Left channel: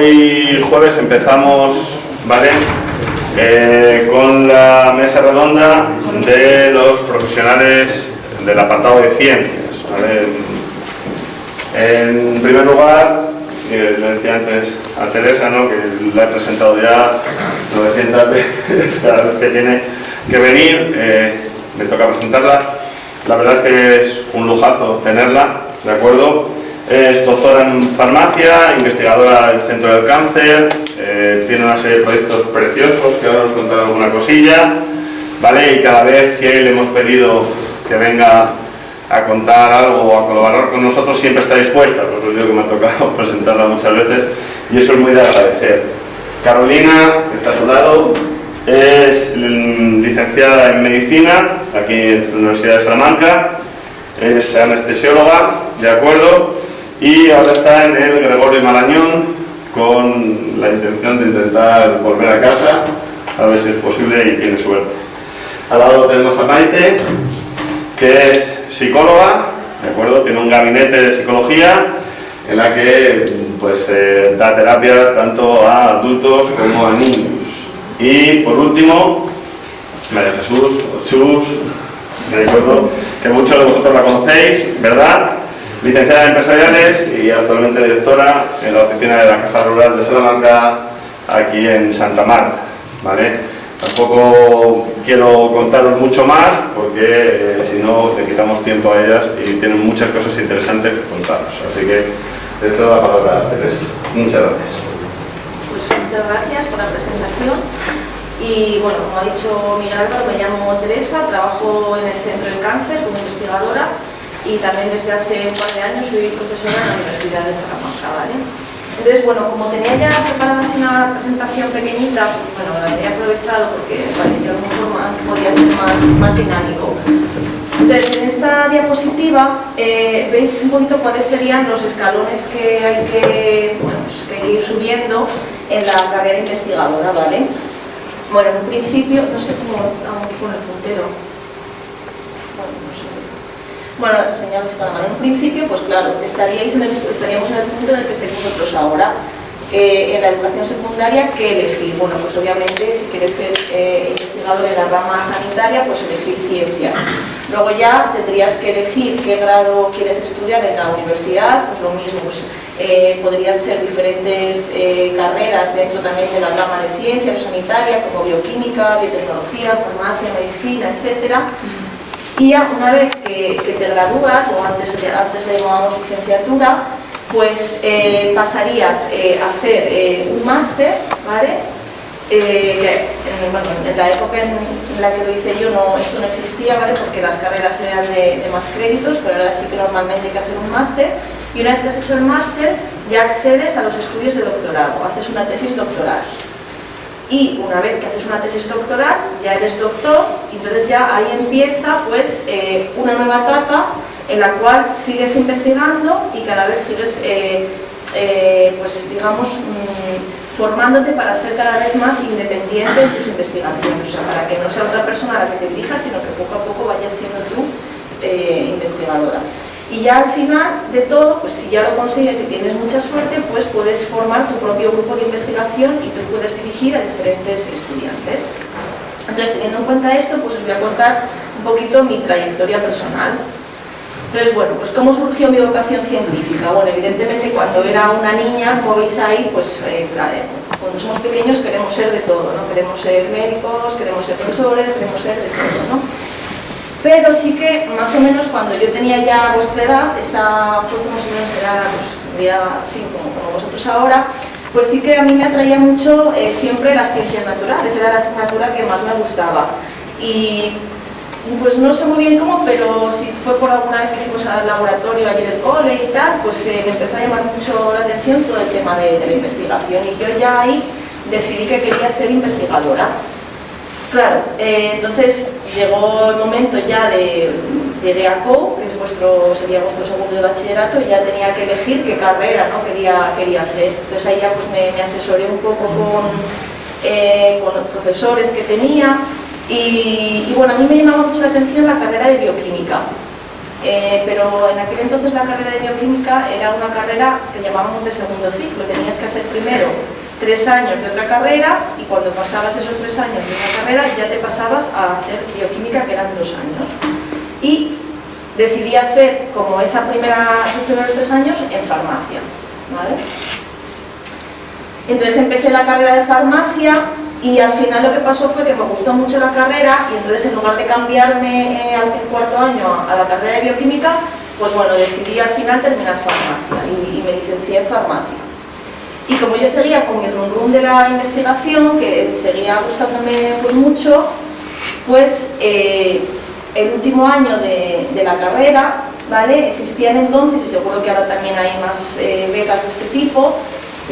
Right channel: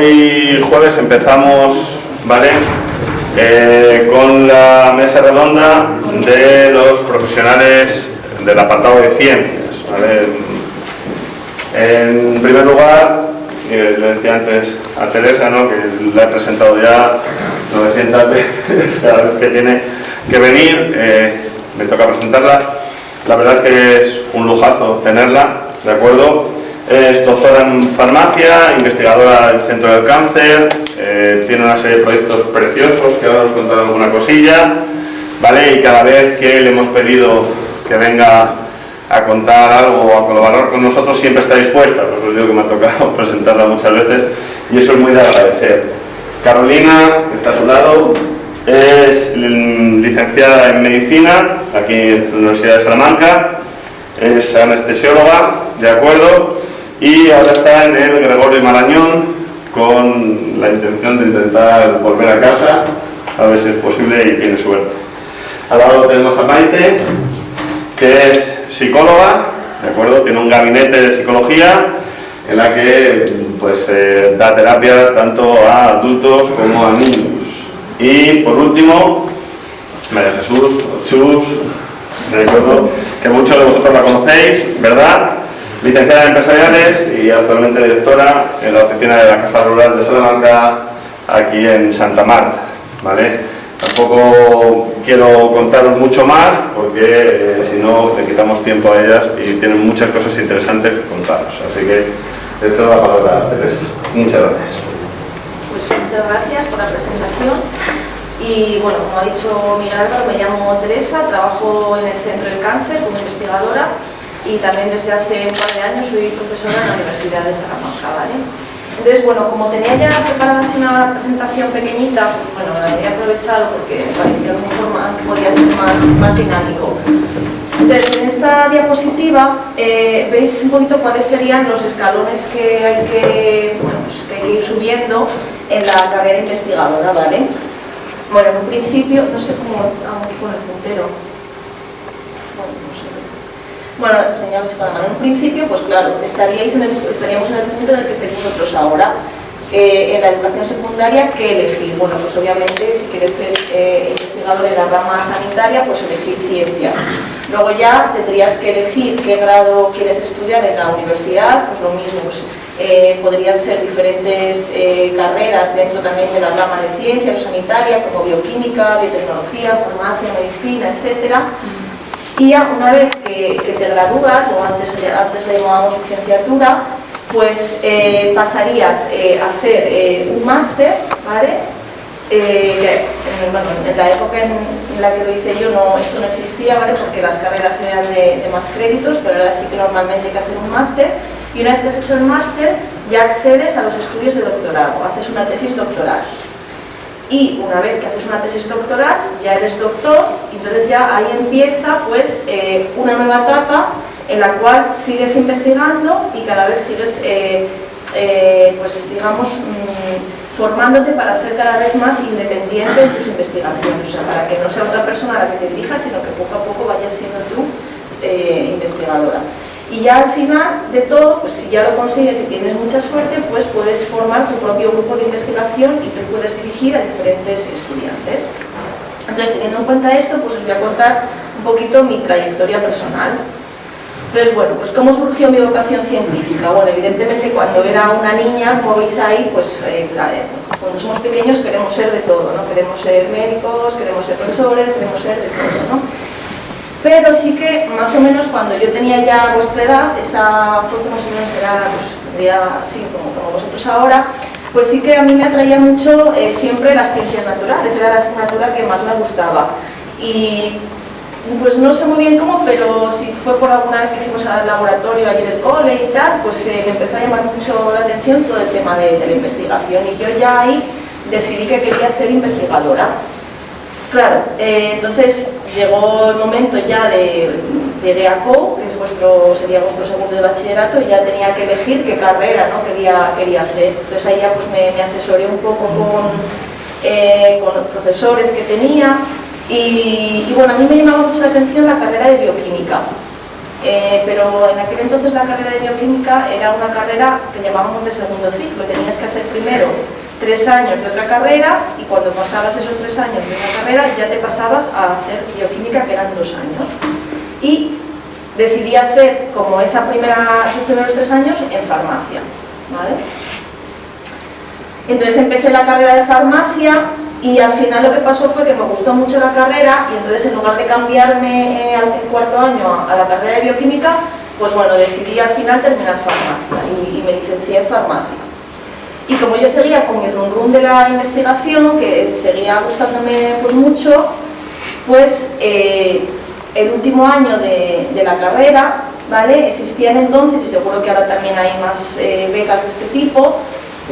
Hoy jueves empezamos, ¿vale? Con la mesa redonda de los profesionales del apartado de ciencias, ¿vale? En primer lugar, le decía antes a Teresa, ¿no?, que la he presentado ya 900 veces cada vez que tiene que venir, me toca presentarla. La verdad es que es un lujazo tenerla, ¿de acuerdo? Es doctora en farmacia, investigadora del Centro del Cáncer, tiene una serie de proyectos preciosos que ahora os contaré alguna cosilla, ¿vale? Y cada vez que le hemos pedido que venga a contar algo o a colaborar con nosotros, siempre está dispuesta, pues os digo que me ha tocado presentarla muchas veces y eso es muy de agradecer. Carolina, que está a su lado, es licenciada en Medicina, aquí en la Universidad de Salamanca, es anestesióloga, ¿de acuerdo? Y ahora está en el Gregorio Marañón con la intención de intentar volver a casa, a ver si es posible y tiene suerte. Al lado tenemos a Maite, que es psicóloga, ¿de acuerdo? Tiene un gabinete de psicología en la que pues, da terapia tanto a adultos como a niños. Y por último, María Jesús, Chus, me acuerdo que muchos de vosotros la conocéis, ¿verdad? Licenciada en Empresariales y actualmente directora en la oficina de la Caja Rural de Salamanca, aquí en Santa Marta, ¿vale? Tampoco quiero contaros mucho más porque si no le quitamos tiempo a ellas y tienen muchas cosas interesantes que contaros. Así que le cedo la palabra a Teresa. Muchas gracias. Pues muchas gracias por la presentación. Y bueno, como ha dicho Miguel Álvaro, me llamo Teresa, trabajo en el Centro del Cáncer como investigadora y también desde hace un par de años soy profesora en la Universidad de Salamanca, ¿vale? Entonces, bueno, como tenía ya preparada así una presentación pequeñita, pues bueno, la he aprovechado porque me parecía un forma que podía ser más dinámico. Entonces, en esta diapositiva veis un poquito cuáles serían los escalones que hay que, bueno, pues, que hay que ir subiendo en la carrera investigadora, ¿vale? Bueno, en un principio, no sé cómo hago con el puntero. Bueno, no sé. Bueno, señales con la mano. En un principio, pues claro, estaríamos en el punto en el que estáis vosotros ahora. En la educación secundaria, ¿qué elegir? Bueno, pues obviamente, si quieres ser investigador en la rama sanitaria, pues elegir ciencia. Luego ya tendrías que elegir qué grado quieres estudiar en la universidad, pues lo mismo, pues, podrían ser diferentes carreras dentro también de la rama de ciencia, o sanitaria, como bioquímica, biotecnología, farmacia, medicina, etcétera. Y ya una vez que te gradúas, o antes le llamábamos licenciatura, pues pasarías a hacer un máster, ¿vale? Que en la época en la que lo hice yo esto no existía, ¿vale? Porque las carreras eran de más créditos, pero ahora sí que normalmente hay que hacer un máster. Y una vez que has hecho el máster, ya accedes a los estudios de doctorado, haces una tesis doctoral. Y una vez que haces una tesis doctoral, ya eres doctor, y entonces ya ahí empieza pues una nueva etapa en la cual sigues investigando y cada vez sigues, pues digamos, formándote para ser cada vez más independiente en tus investigaciones, o sea, para que no sea otra persona a la que te dirijas, sino que poco a poco vayas siendo tú investigadora. Y ya al final de todo, pues si ya lo consigues y tienes mucha suerte, pues puedes formar tu propio grupo de investigación y tú puedes dirigir a diferentes estudiantes. Entonces, teniendo en cuenta esto, pues os voy a contar un poquito mi trayectoria personal. Entonces, bueno, pues ¿cómo surgió mi vocación científica? Bueno, evidentemente cuando era una niña, como veis ahí, pues cuando somos pequeños queremos ser de todo, ¿no? Queremos ser médicos, queremos ser profesores, queremos ser de todo, ¿no? Pero sí que, más o menos, cuando yo tenía ya vuestra edad, esa foto más o menos era así como vosotros ahora, pues sí que a mí me atraía mucho siempre las ciencias naturales, era la asignatura que más me gustaba. Y pues no sé muy bien cómo, pero si fue por alguna vez que fuimos al laboratorio allí del cole y tal, pues me empezó a llamar mucho la atención todo el tema de la investigación y yo ya ahí decidí que quería ser investigadora. Claro, entonces llegó el momento ya llegué a COU, que sería vuestro segundo de bachillerato, y ya tenía que elegir qué carrera, ¿no? quería hacer. Entonces ahí ya pues me asesoré un poco con los profesores que tenía y bueno, a mí me llamaba mucho la atención la carrera de bioquímica. pero en aquel entonces la carrera de bioquímica era una carrera que llamábamos de segundo ciclo. Tenías que hacer primero 3 años de otra carrera y cuando pasabas esos 3 años de una carrera ya te pasabas a hacer bioquímica, que eran 2 años. Y decidí hacer como esos primeros 3 años en farmacia, ¿vale? Entonces empecé la carrera de farmacia y al final lo que pasó fue que me gustó mucho la carrera y entonces en lugar de cambiarme en 4º año a la carrera de bioquímica, pues bueno, decidí al final terminar farmacia y me licencié en farmacia. Y como yo seguía con mi rum de la investigación, que seguía gustándome pues mucho, pues el último año de la carrera, ¿vale? Existían entonces, y seguro que ahora también hay más becas de este tipo,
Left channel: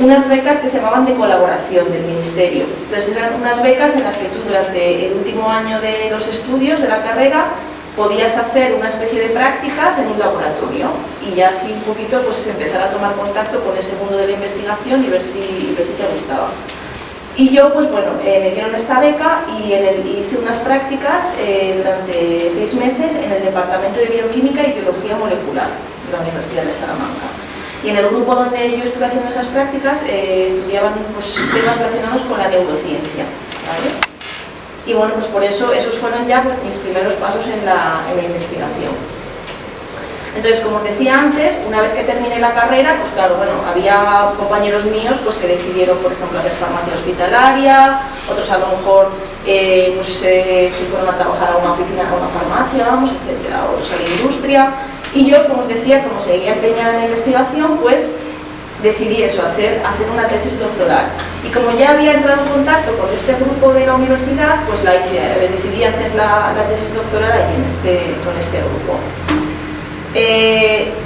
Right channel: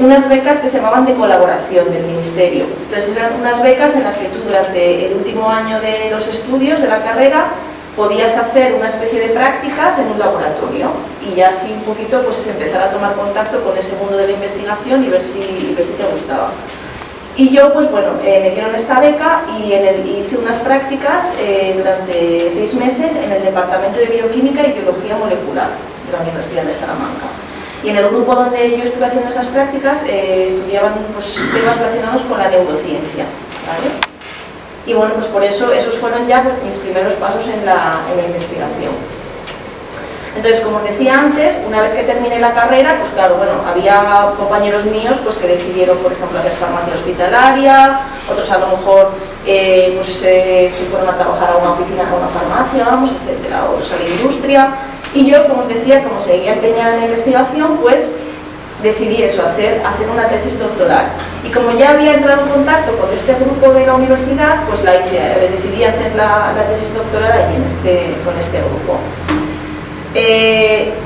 unas becas que se llamaban de colaboración del Ministerio. Entonces eran unas becas en las que tú durante el último año de los estudios de la carrera podías hacer una especie de prácticas en un laboratorio y ya así un poquito pues empezar a tomar contacto con ese mundo de la investigación y ver si te gustaba. Y yo pues bueno, me dieron esta beca y hice unas prácticas durante 6 meses en el Departamento de Bioquímica y Biología Molecular de la Universidad de Salamanca. Y en el grupo donde yo estuve haciendo esas prácticas estudiaban pues, temas relacionados con la neurociencia, ¿vale? Y bueno, pues por eso esos fueron ya pues, mis primeros pasos en la investigación. Entonces, como os decía antes, una vez que terminé la carrera, pues claro, bueno, había compañeros míos pues, que decidieron, por ejemplo, hacer farmacia hospitalaria, otros a lo mejor se fueron a trabajar a una oficina, a una farmacia, vamos, etcétera, otros a la industria. Y yo, como os decía, como seguía empeñada en la investigación, pues decidí eso, hacer una tesis doctoral. Y como ya había entrado en contacto con este grupo de la universidad, pues decidí hacer la tesis doctoral allí con este grupo.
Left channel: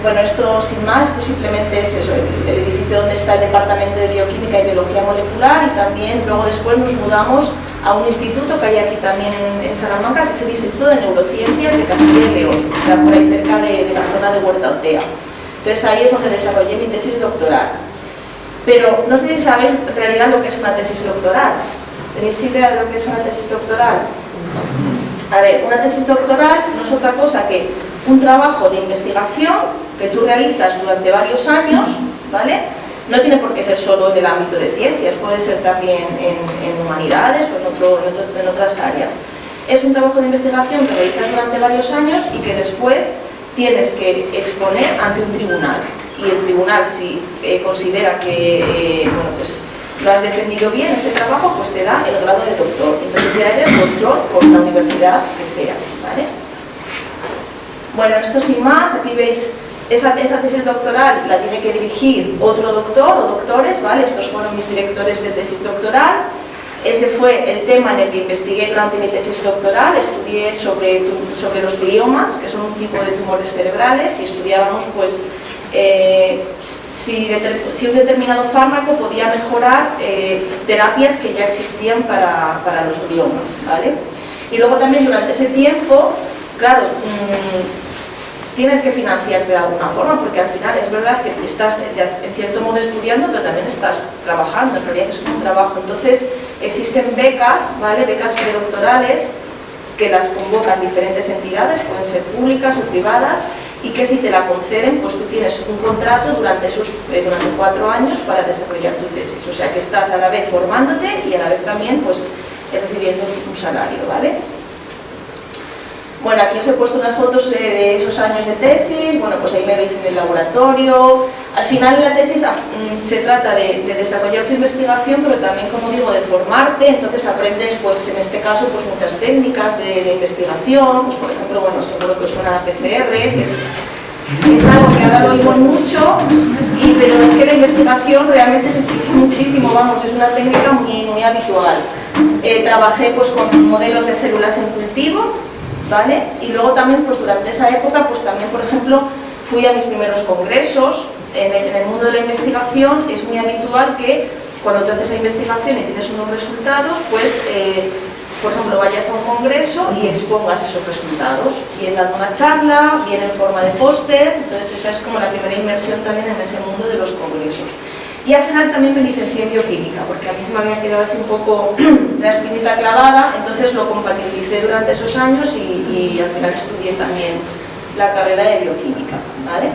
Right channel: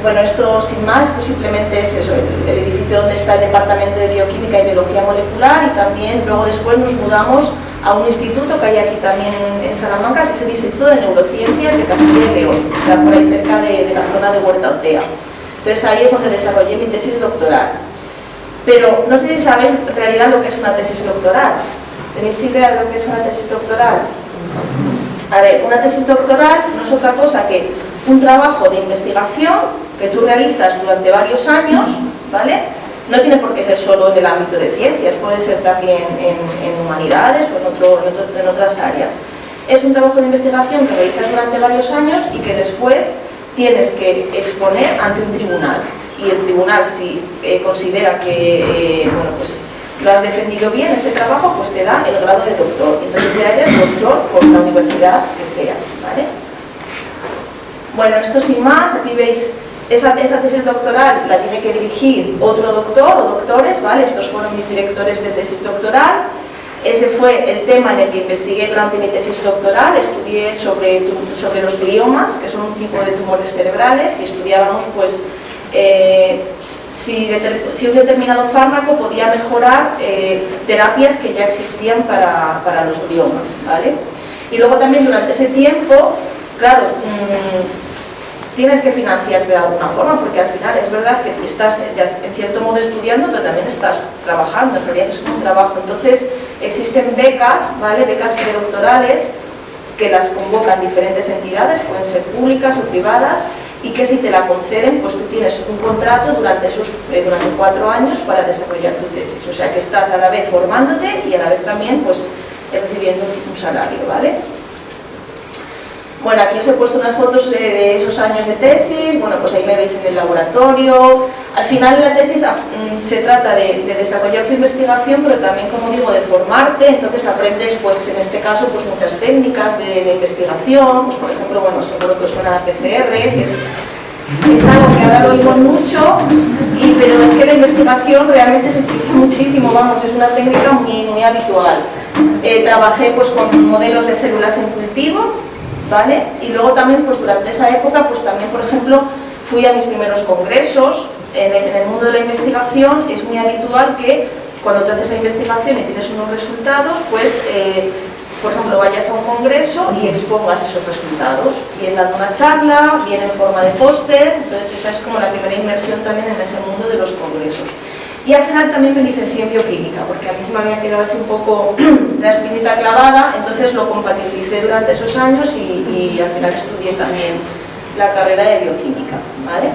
Bueno, esto sin más, esto simplemente es eso, el edificio donde está el Departamento de Bioquímica y Biología Molecular, y también luego después nos mudamos a un instituto que hay aquí también en Salamanca, que es el Instituto de Neurociencias de Castilla y León, que está por ahí cerca de la zona de Huerta Otea. Entonces ahí es donde desarrollé mi tesis doctoral. Pero no sé si sabéis en realidad lo que es una tesis doctoral. ¿Tenéis idea de lo que es una tesis doctoral? A ver, una tesis doctoral no es otra cosa que un trabajo de investigación que tú realizas durante varios años, ¿vale? No tiene por qué ser solo en el ámbito de ciencias, puede ser también en humanidades o en otras áreas. Es un trabajo de investigación que realizas durante varios años y que después tienes que exponer ante un tribunal. Y el tribunal, si considera que bueno, pues, lo has defendido bien ese trabajo, pues te da el grado de doctor. Entonces ya eres doctor por la universidad que sea, ¿vale? Bueno, esto sin más, aquí veis esa tesis doctoral la tiene que dirigir otro doctor o doctores, ¿vale? Estos fueron mis directores de tesis doctoral. Ese fue el tema en el que investigué durante mi tesis doctoral. Estudié sobre los gliomas, que son un tipo de tumores cerebrales, y estudiábamos pues si un determinado fármaco podía mejorar terapias que ya existían para los gliomas, ¿vale? Y luego también durante ese tiempo, claro, tienes que financiarte de alguna forma, porque al final es verdad que estás en cierto modo estudiando, pero también estás trabajando, en realidad es como un trabajo. Entonces existen becas, ¿vale? Becas predoctorales que las convocan diferentes entidades, pueden ser públicas o privadas, y que si te la conceden, pues tú tienes un contrato durante 4 años para desarrollar tu tesis. O sea que estás a la vez formándote y a la vez también pues recibiendo un salario, ¿vale? Bueno, aquí os he puesto unas fotos de esos años de tesis. Bueno, pues ahí me veis en el laboratorio. Al final la tesis se trata de desarrollar tu investigación, pero también, como digo, de formarte. Entonces aprendes, pues en este caso, pues muchas técnicas de investigación. Pues por ejemplo, bueno, seguro que os suena la PCR, que es algo que ahora lo oímos mucho, pero es que la investigación realmente se utiliza muchísimo, vamos, es una técnica muy habitual. Trabajé pues con modelos de células en cultivo, ¿vale? Y luego también, pues durante esa época, pues también, por ejemplo, fui a mis primeros congresos. En el mundo de la investigación es muy habitual que cuando tú haces la investigación y tienes unos resultados, pues, por ejemplo, vayas a un congreso y expongas esos resultados, bien dando una charla, bien en forma de póster. Entonces esa es como la primera inmersión también en ese mundo de los congresos. Y al final también me licencié en bioquímica, porque a mí se me había quedado así un poco la espinita clavada, entonces lo compatibilicé durante esos años y al final estudié también la carrera de bioquímica, ¿vale?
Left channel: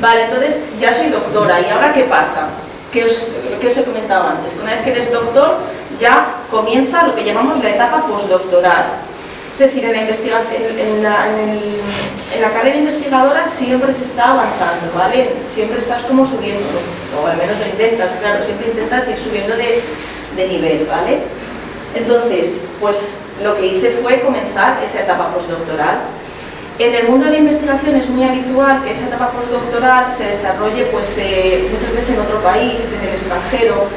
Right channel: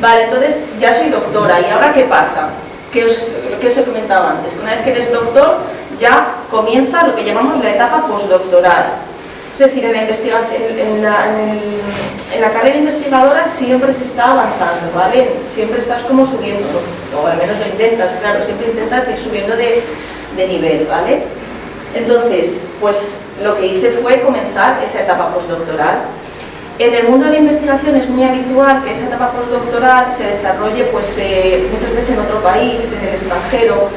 Vale, entonces ya soy doctora, ¿y ahora qué pasa? Lo que os he comentado antes, que una vez que eres doctor ya comienza lo que llamamos la etapa postdoctoral. Es decir, en la investigación, en la carrera investigadora siempre se está avanzando, ¿vale? Siempre estás como subiendo, o al menos lo intentas, claro, siempre intentas ir subiendo de nivel, ¿vale? Entonces, pues lo que hice fue comenzar esa etapa postdoctoral. En el mundo de la investigación es muy habitual que esa etapa postdoctoral se desarrolle pues, muchas veces en otro país, en el extranjero.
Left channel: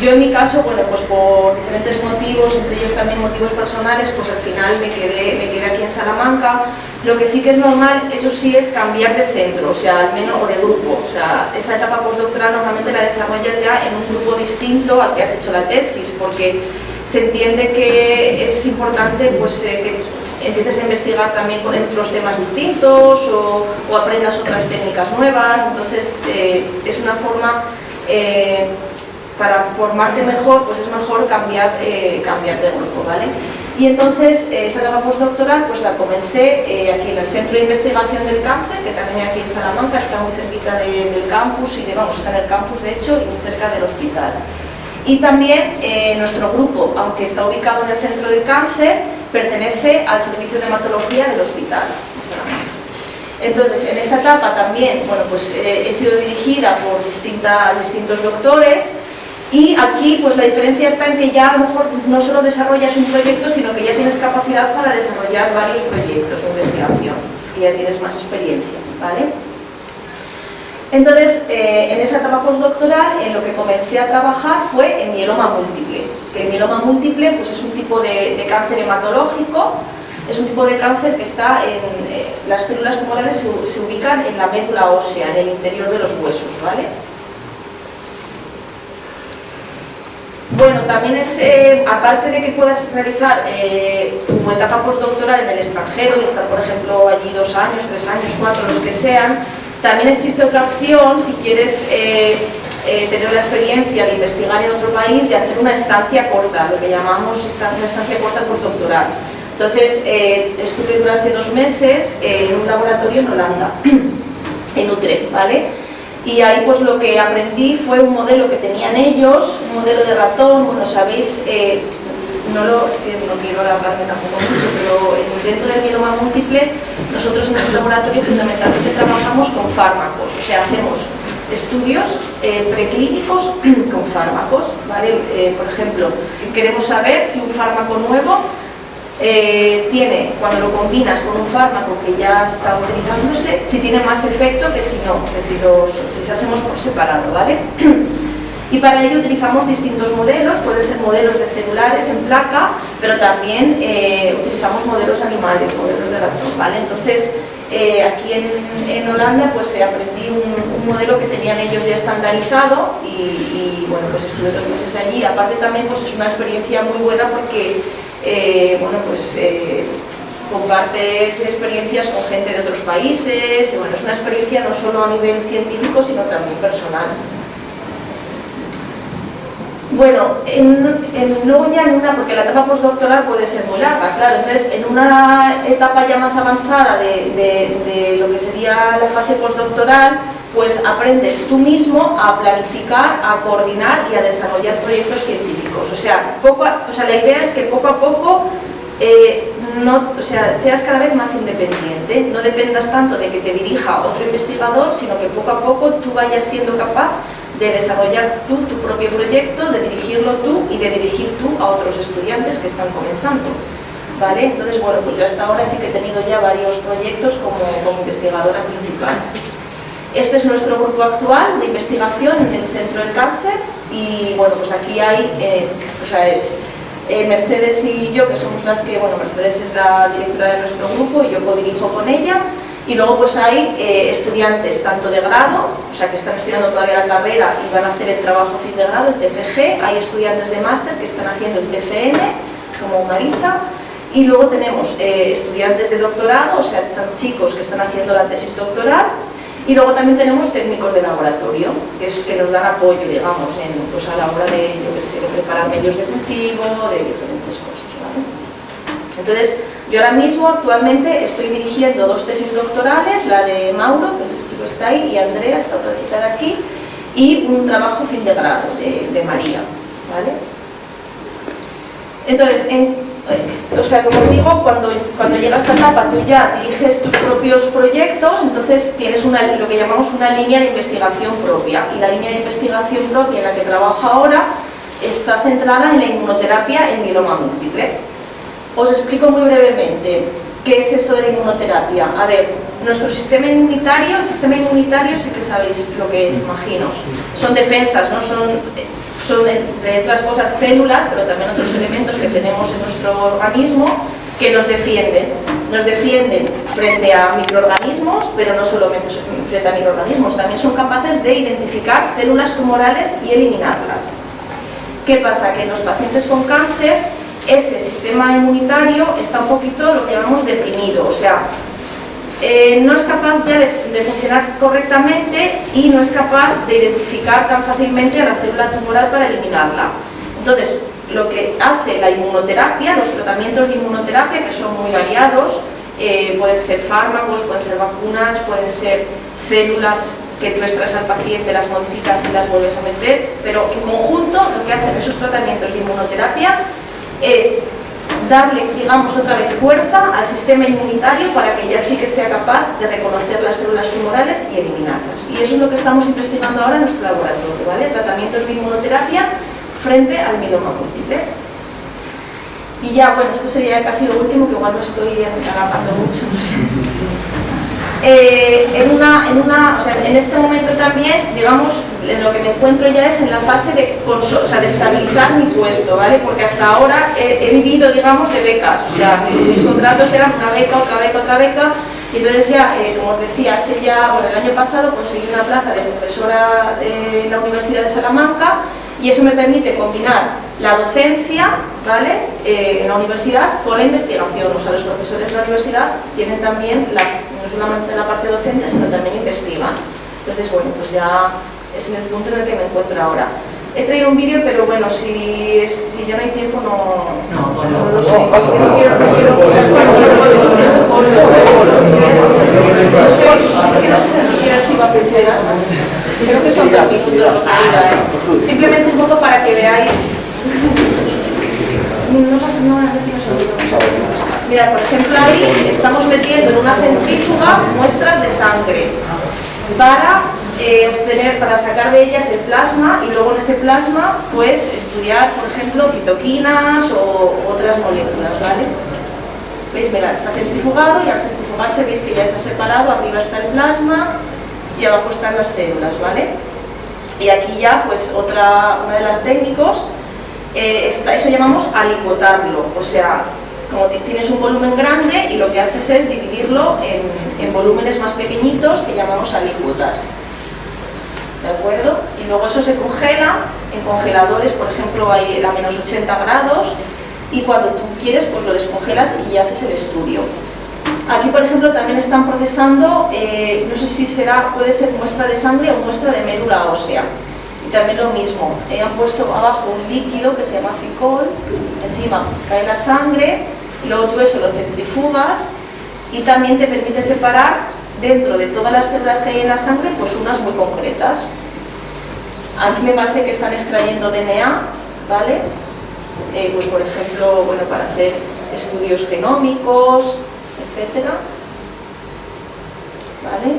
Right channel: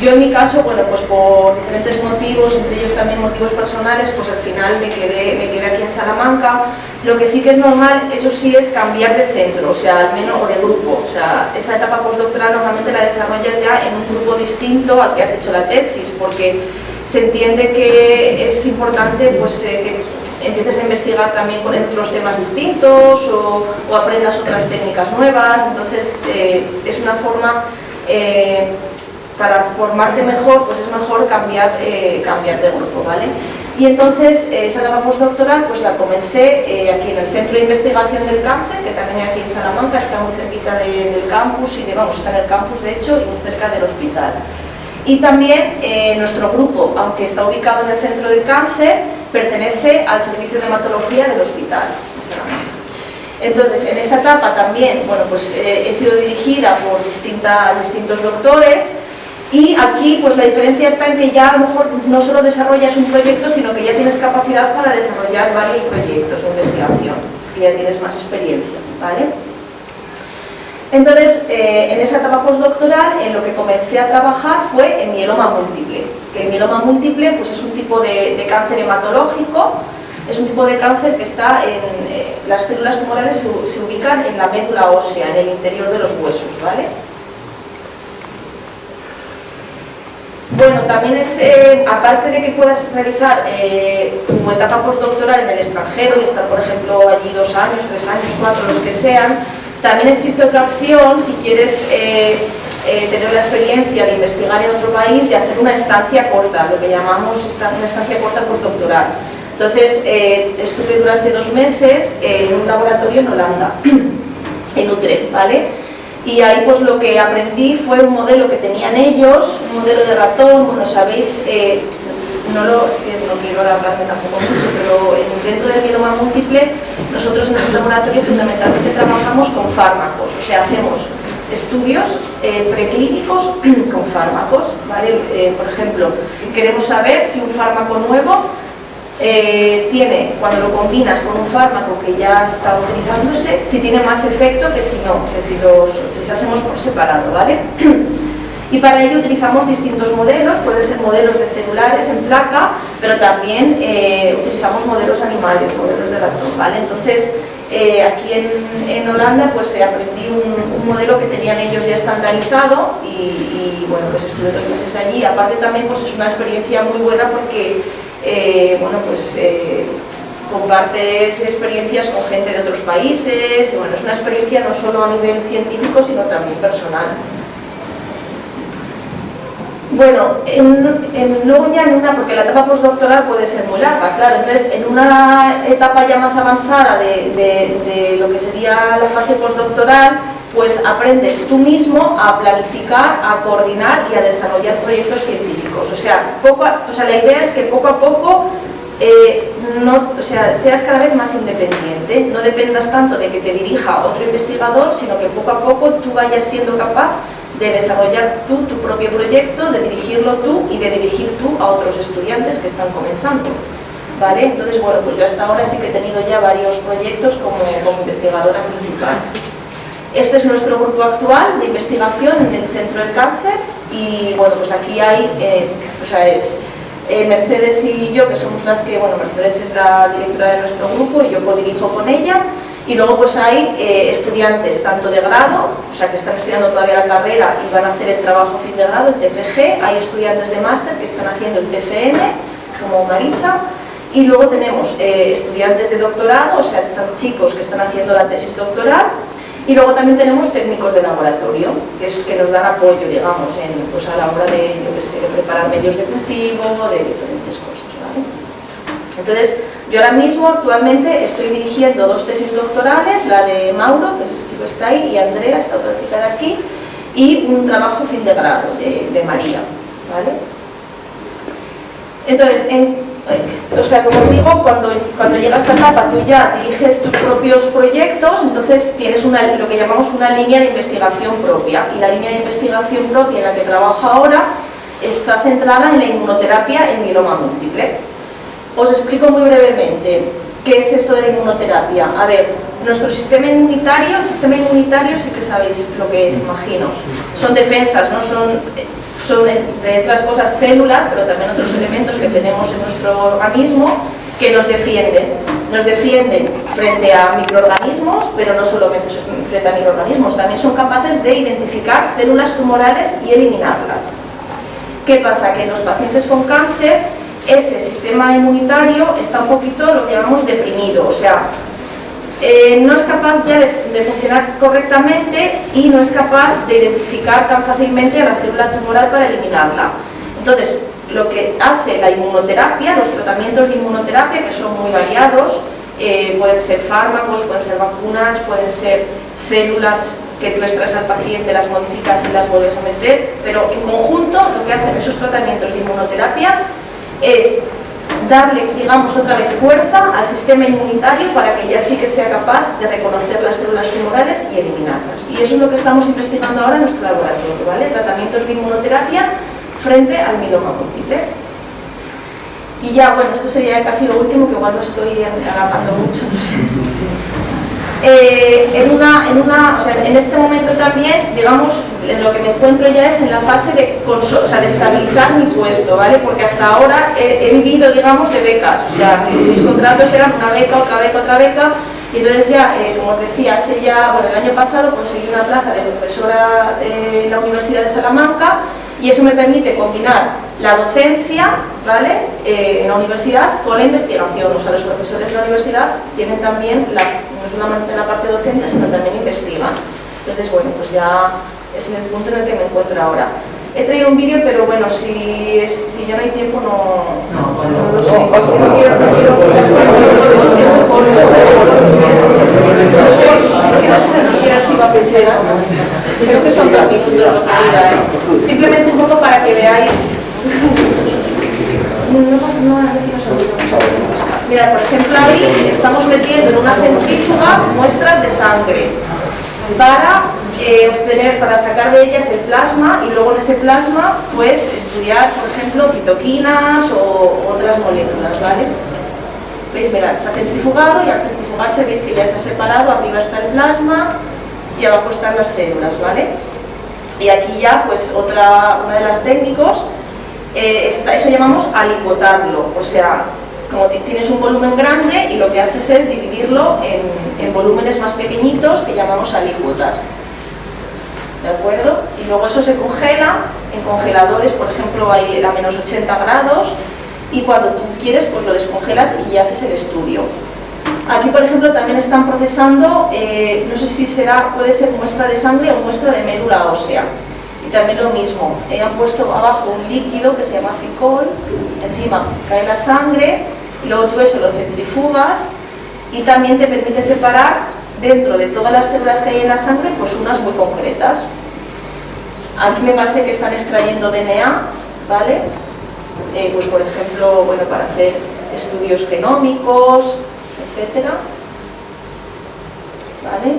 Yo en mi caso, bueno, pues por diferentes motivos, entre ellos también motivos personales, pues al final me quedé aquí en Salamanca. Lo que sí que es normal, eso sí, es cambiar de centro, o sea, al menos, o de grupo. O sea, esa etapa postdoctoral normalmente la desarrollas ya en un grupo distinto al que has hecho la tesis, porque se entiende que es importante pues, que empieces a investigar también con otros temas distintos o aprendas otras técnicas nuevas. Entonces, es una forma... para formarte mejor, pues es mejor cambiar de grupo, ¿vale? Y entonces esa etapa postdoctoral pues la comencé aquí en el Centro de Investigación del Cáncer, que también aquí en Salamanca, está muy cerquita del campus, está en el campus de hecho y muy cerca del hospital. Y también nuestro grupo, aunque está ubicado en el Centro del Cáncer, pertenece al Servicio de Hematología del Hospital de Salamanca. Entonces, en esta etapa también, bueno, pues he sido dirigida por distintos doctores. Y aquí pues la diferencia está en que ya a lo mejor no solo desarrollas un proyecto, sino que ya tienes capacidad para desarrollar varios proyectos de investigación, que ya tienes más experiencia, ¿vale? Entonces, en esa etapa postdoctoral, en lo que comencé a trabajar fue en mieloma múltiple, que el mieloma múltiple pues, es un tipo de cáncer hematológico, es un tipo de cáncer que está en... las células tumorales se ubican en la médula ósea, en el interior de los huesos, ¿vale? Bueno, también es, aparte de que puedas realizar tu etapa postdoctoral en el extranjero y estar, por ejemplo, allí 2 años, 3 años, 4, los que sean, también existe otra opción, si quieres tener la experiencia de investigar en otro país, de hacer una estancia corta, lo que llamamos una estancia corta postdoctoral. Entonces, estuve durante 2 meses en un laboratorio en Holanda, en Utrecht, ¿vale? Y ahí pues lo que aprendí fue un modelo que tenían ellos, un modelo de ratón, bueno, sabéis, es que no quiero hablarme tampoco mucho, pero dentro del mieloma múltiple, nosotros en nuestro laboratorio fundamentalmente trabajamos con fármacos, o sea, hacemos estudios preclínicos con fármacos, ¿vale? Por ejemplo, queremos saber si un fármaco nuevo tiene, cuando lo combinas con un fármaco que ya está utilizándose, si tiene más efecto que si no, que si los utilizásemos por separado, ¿vale? Y para ello utilizamos distintos modelos, pueden ser modelos de celulares en placa, pero también utilizamos modelos animales, modelos de ratón, ¿vale? Entonces, aquí en Holanda pues aprendí un modelo que tenían ellos ya estandarizado y bueno, pues estuve 2 meses allí. Aparte también pues es una experiencia muy buena porque bueno, pues compartes experiencias con gente de otros países y bueno, es una experiencia no solo a nivel científico sino también personal. Bueno, luego ya porque la etapa postdoctoral puede ser muy larga, claro, entonces en una etapa ya más avanzada de lo que sería la fase postdoctoral, pues aprendes tú mismo a planificar, a coordinar y a desarrollar proyectos científicos. O sea, la idea es que poco a poco seas cada vez más independiente, no dependas tanto de que te dirija otro investigador, sino que poco a poco tú vayas siendo capaz de desarrollar tú tu propio proyecto, de dirigirlo tú y de dirigir tú a otros estudiantes que están comenzando, ¿vale? Entonces, bueno, pues yo hasta ahora sí que he tenido ya varios proyectos como investigadora principal. Este es nuestro grupo actual de investigación en el Centro del Cáncer y, bueno, pues aquí hay, Mercedes y yo, que somos las que, bueno, Mercedes es la directora de nuestro grupo y yo codirijo con ella. Y luego pues hay estudiantes tanto de grado, o sea que están estudiando todavía la carrera y van a hacer el trabajo fin de grado, el TFG, hay estudiantes de máster que están haciendo el TFM, como Marisa, y luego tenemos estudiantes de doctorado, o sea, están chicos que están haciendo la tesis doctoral, y luego también tenemos técnicos de laboratorio, que nos dan apoyo, digamos, pues a la hora de, yo qué sé, de preparar medios de cultivo, de diferentes cosas, ¿vale? Entonces, yo ahora mismo, actualmente, estoy dirigiendo 2 tesis doctorales, la de Mauro, que es ese chico que está ahí, y Andrea, esta otra chica de aquí, y un trabajo fin de grado de María, ¿vale? Entonces, o sea, como os digo, cuando llega a esta etapa tú ya diriges tus propios proyectos, entonces tienes lo que llamamos una línea de investigación propia, y la línea de investigación propia en la que trabajo ahora está centrada en la inmunoterapia en mieloma múltiple. Os explico muy brevemente qué es esto de la inmunoterapia. A ver, nuestro sistema inmunitario, el sistema inmunitario sí que sabéis lo que es, imagino. Son defensas, ¿no? Son entre otras cosas células, pero también otros elementos que tenemos en nuestro organismo que nos defienden. Nos defienden frente a microorganismos, pero no solamente frente a microorganismos, también son capaces de identificar células tumorales y eliminarlas. ¿Qué pasa? Que en los pacientes con cáncer ese sistema inmunitario está un poquito lo que llamamos deprimido, o sea, no es capaz ya de funcionar correctamente y no es capaz de identificar tan fácilmente a la célula tumoral para eliminarla. Entonces, lo que hace la inmunoterapia, los tratamientos de inmunoterapia, que son muy variados, pueden ser fármacos, pueden ser vacunas, pueden ser células que tú extraes al paciente, las modificas y las vuelves a meter, pero en conjunto lo que hacen esos tratamientos de inmunoterapia es darle, digamos, otra vez fuerza al sistema inmunitario para que ya sí que sea capaz de reconocer las células tumorales y eliminarlas. Y eso es lo que estamos investigando ahora en nuestro laboratorio, ¿vale? Tratamientos de inmunoterapia frente al mieloma múltiple. Y ya, bueno, esto sería casi lo último, que igual no estoy alargando mucho. O sea, en este momento también, digamos, en lo que me encuentro ya es en la fase de estabilizar mi puesto, ¿vale? Porque hasta ahora he vivido, digamos, de becas, o sea, mis contratos eran una beca, otra beca, otra beca, y entonces ya, como os decía, el año pasado conseguí una plaza de profesora en la Universidad de Salamanca, y eso me permite combinar la docencia, ¿vale?, en la universidad con la investigación. O sea, los profesores de la universidad tienen también, no solamente la parte docente, sino también investigan. Entonces, bueno, pues ya es en el punto en el que me encuentro ahora. He traído un vídeo, pero bueno, si ya no hay tiempo, no lo sé. Es que no quiero no sé ni siquiera si va a pensar. Creo que son 2 minutos lo que dura, ¿eh? Simplemente un poco para que veáis. No pasa nada, Mira, por ejemplo, ahí estamos metiendo en una centrífuga muestras de sangre para sacar de ellas el plasma, y luego en ese plasma pues estudiar, por ejemplo, citoquinas o otras moléculas, ¿vale? ¿Veis? Mirad, se ha centrifugado, y al centrifugarse veis que ya se ha separado, arriba está el plasma y abajo están las células, ¿vale? Y aquí ya, pues una de las técnicos, eso llamamos alicuotarlo, o sea, como tienes un volumen grande y lo que haces es dividirlo en volúmenes más pequeñitos que llamamos alícuotas, ¿de acuerdo? Y luego eso se congela en congeladores, por ejemplo, hay a menos 80 grados, y cuando tú quieres, pues lo descongelas y ya haces el estudio. Aquí, por ejemplo, también están procesando, no sé si puede ser muestra de sangre o muestra de médula ósea. Y también lo mismo, han puesto abajo un líquido que se llama ficol, encima cae la sangre, y luego tú eso lo centrifugas, y también te permite separar dentro de todas las células que hay en la sangre, pues unas muy concretas. Aquí me parece que están extrayendo DNA, ¿vale? Pues por ejemplo, bueno, para hacer estudios genómicos, etcétera, ¿vale?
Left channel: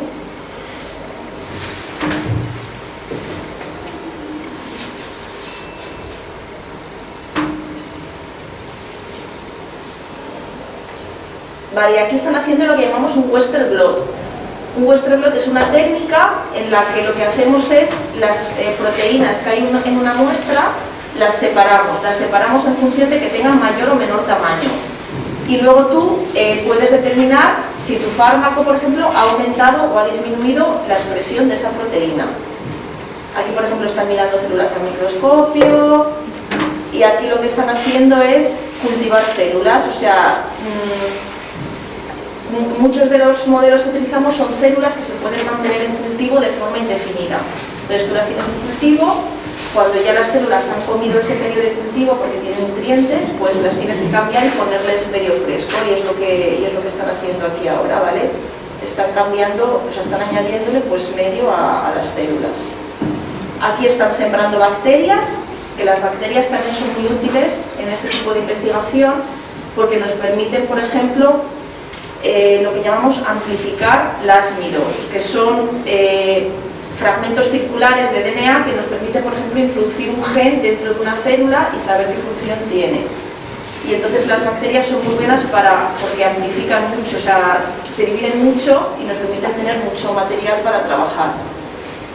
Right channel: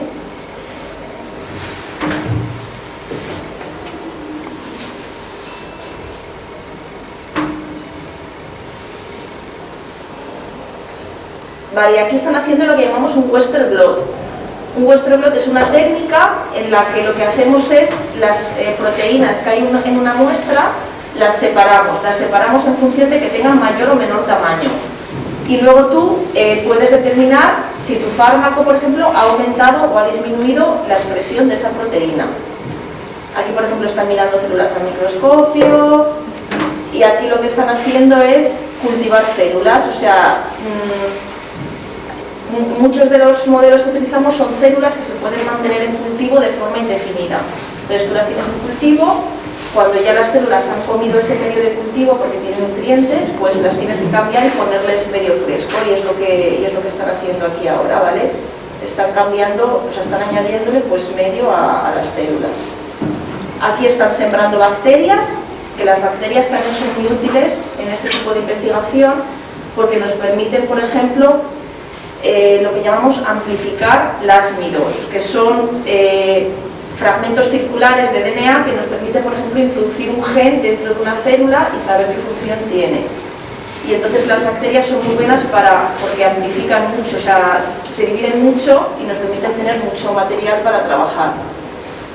Vale, y aquí están haciendo lo que llamamos un Western blot. Un Western blot es una técnica en la que lo que hacemos es las proteínas que hay en una muestra las separamos en función de que tengan mayor o menor tamaño. Y luego tú puedes determinar si tu fármaco, por ejemplo, ha aumentado o ha disminuido la expresión de esa proteína. Aquí, por ejemplo, están mirando células al microscopio, y aquí lo que están haciendo es cultivar células, o sea, muchos de los modelos que utilizamos son células que se pueden mantener en cultivo de forma indefinida. Entonces tú las tienes en cultivo cuando ya las células han comido ese medio de cultivo porque tienen nutrientes, pues las tienes que cambiar y ponerles medio fresco, y es lo que están haciendo aquí ahora, ¿vale? Están cambiando, o sea, están añadiéndole pues medio a las células. Aquí están sembrando bacterias, que las bacterias también son muy útiles en este tipo de investigación porque nos permiten, por ejemplo, lo que llamamos amplificar plasmidos, que son fragmentos circulares de DNA que nos permiten, por ejemplo, introducir un gen dentro de una célula y saber qué función tiene. Y entonces las bacterias son muy buenas porque amplifican mucho, o sea, se dividen mucho y nos permiten tener mucho material para trabajar.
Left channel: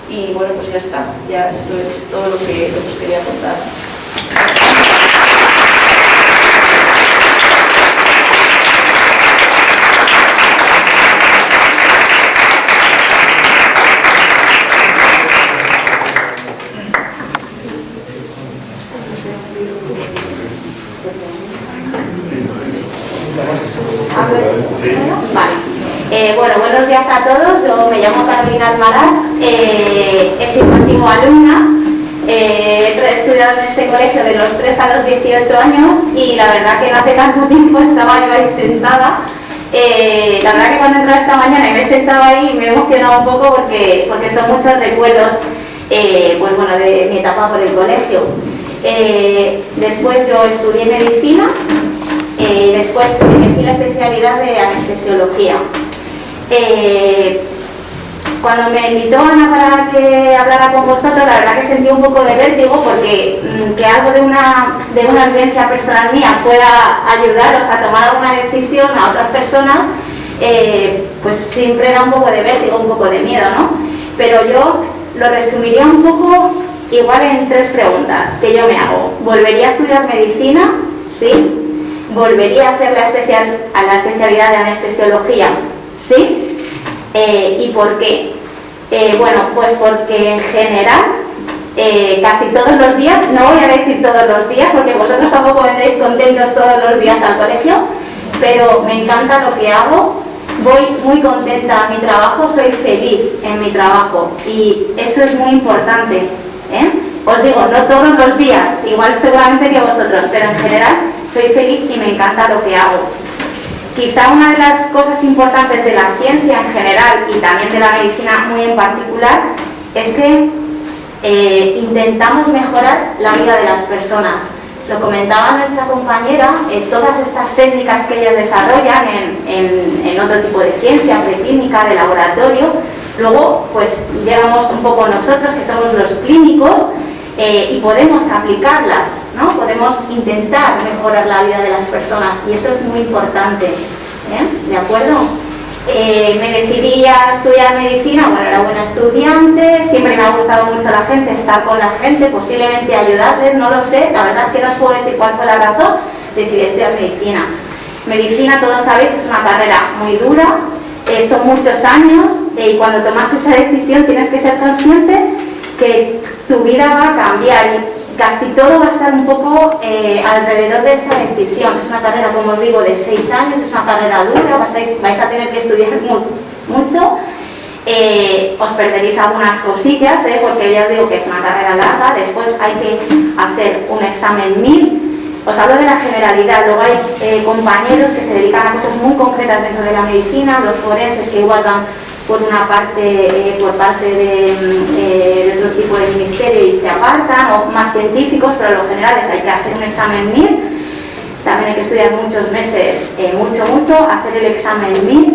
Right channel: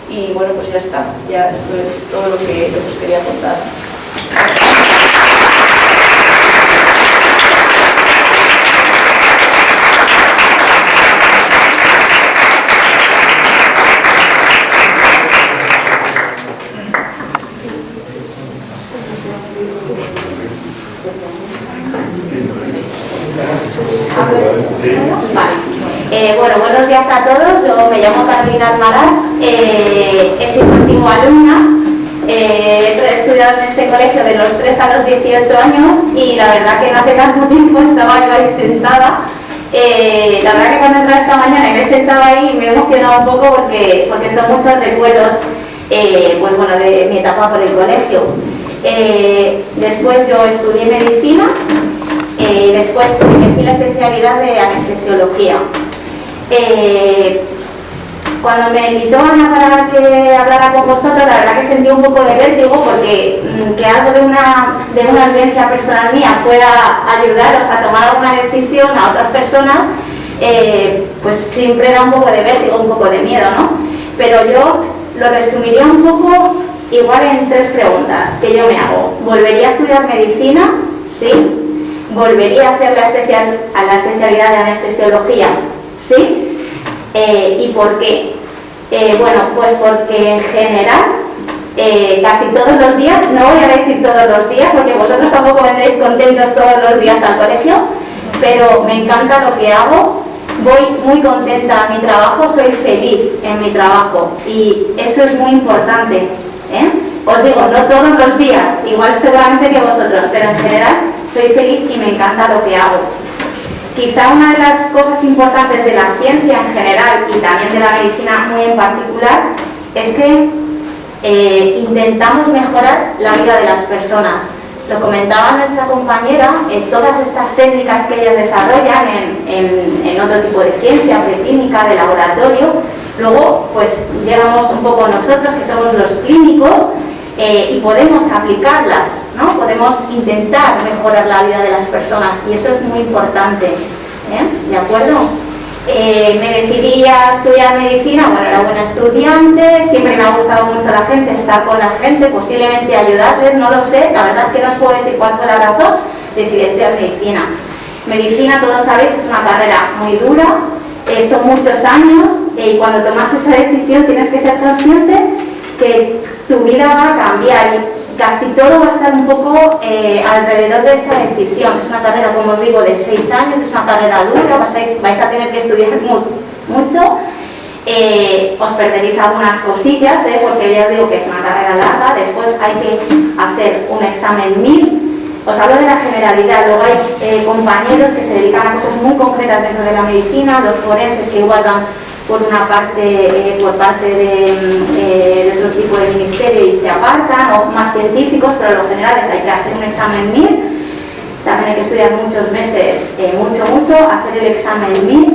Y bueno, pues ya está, ya esto es todo lo que os quería contar. Vale. Bueno, buenos días a todos. Yo me llamo Carolina Almaraz, he sido antigua alumna, he estudiado en este colegio de los 3 a los 18 años y la verdad que no hace tanto tiempo estaba yo ahí sentada. La verdad que cuando entraba esta mañana y me he sentado ahí me he emocionado un poco porque son muchos recuerdos pues bueno, de mi etapa por el colegio. Después yo estudié medicina. Después elegí la especialidad de anestesiología. Cuando me invitó Ana para que hablara con vosotros, la verdad que sentí un poco de vértigo porque que algo de una vivencia personal mía pueda ayudaros a tomar alguna decisión a otras personas, pues siempre da un poco de vértigo, un poco de miedo, ¿no? Pero yo lo resumiría un poco igual en 3 preguntas que yo me hago. ¿Volvería a estudiar medicina? Sí. ¿Volvería a hacer la especialidad de anestesiología? Sí. ¿Y por qué? Bueno, pues porque en general, casi todos los días, no voy a decir todos los días, porque vosotros tampoco vendréis contentos todos los días al colegio, pero me encanta lo que hago, voy muy contenta a mi trabajo, soy feliz en mi trabajo y eso es muy importante, ¿eh? Os digo, no todos los días, igual seguramente que vosotros, pero en general soy feliz y me encanta lo que hago. Quizá una de las cosas importantes de la ciencia en general y también de la medicina muy en particular es que intentamos mejorar la vida de las personas. Lo comentaba nuestra compañera, todas estas técnicas que ellas desarrollan en otro tipo de ciencia, preclínica, de laboratorio, luego pues llegamos un poco nosotros que somos los clínicos y podemos aplicarlas, ¿no? Podemos intentar mejorar la vida de las personas y eso es muy importante, ¿eh? ¿De acuerdo? Me decidí a estudiar medicina, bueno, era buena estudiante, siempre me ha gustado mucho la gente, estar con la gente, posiblemente ayudarles, no lo sé, la verdad es que no os puedo decir cuál fue la razón, decidí estudiar medicina. Medicina, todos sabéis, es una carrera muy dura, son muchos años y cuando tomas esa decisión tienes que ser consciente que tu vida va a cambiar y casi todo va a estar un poco alrededor de esa decisión. Es una carrera, como os digo, de 6 años, es una carrera dura, vais a tener que estudiar mucho, os perderéis algunas cosillas, porque ya os digo que es una carrera larga, después hay que hacer un examen MIR. Os hablo de la generalidad, luego hay compañeros que se dedican a cosas muy concretas dentro de la medicina, los forenses que igual van por una parte, por parte de otro tipo de ministerio y se apartan, o más científicos, pero en lo general hay que hacer un examen MIR, también hay que estudiar muchos meses, mucho, hacer el examen MIR,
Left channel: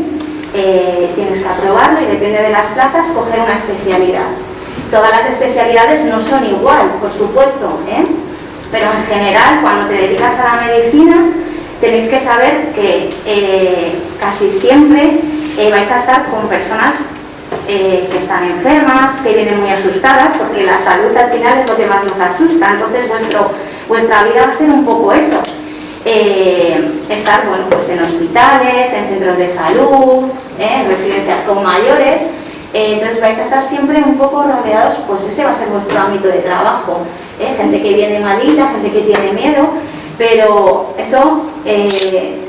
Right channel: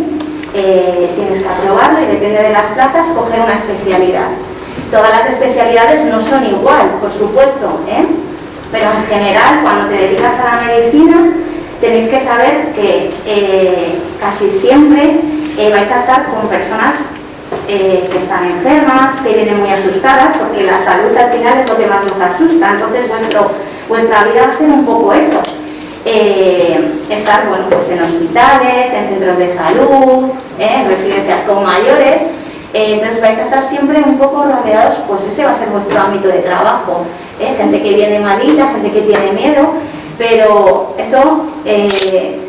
tienes que aprobarlo y depende de las plazas, coger una especialidad. Todas las especialidades no son igual, por supuesto, pero en general, cuando te dedicas a la medicina, tenéis que saber que casi siempre vais a estar con personas que están enfermas, que vienen muy asustadas, porque la salud al final es lo que más nos asusta, entonces vuestra vida va a ser un poco eso. Estar bueno, pues en hospitales, en centros de salud, en residencias con mayores, entonces vais a estar siempre un poco rodeados, pues ese va a ser vuestro ámbito de trabajo, gente que viene malita, gente que tiene miedo, pero eso en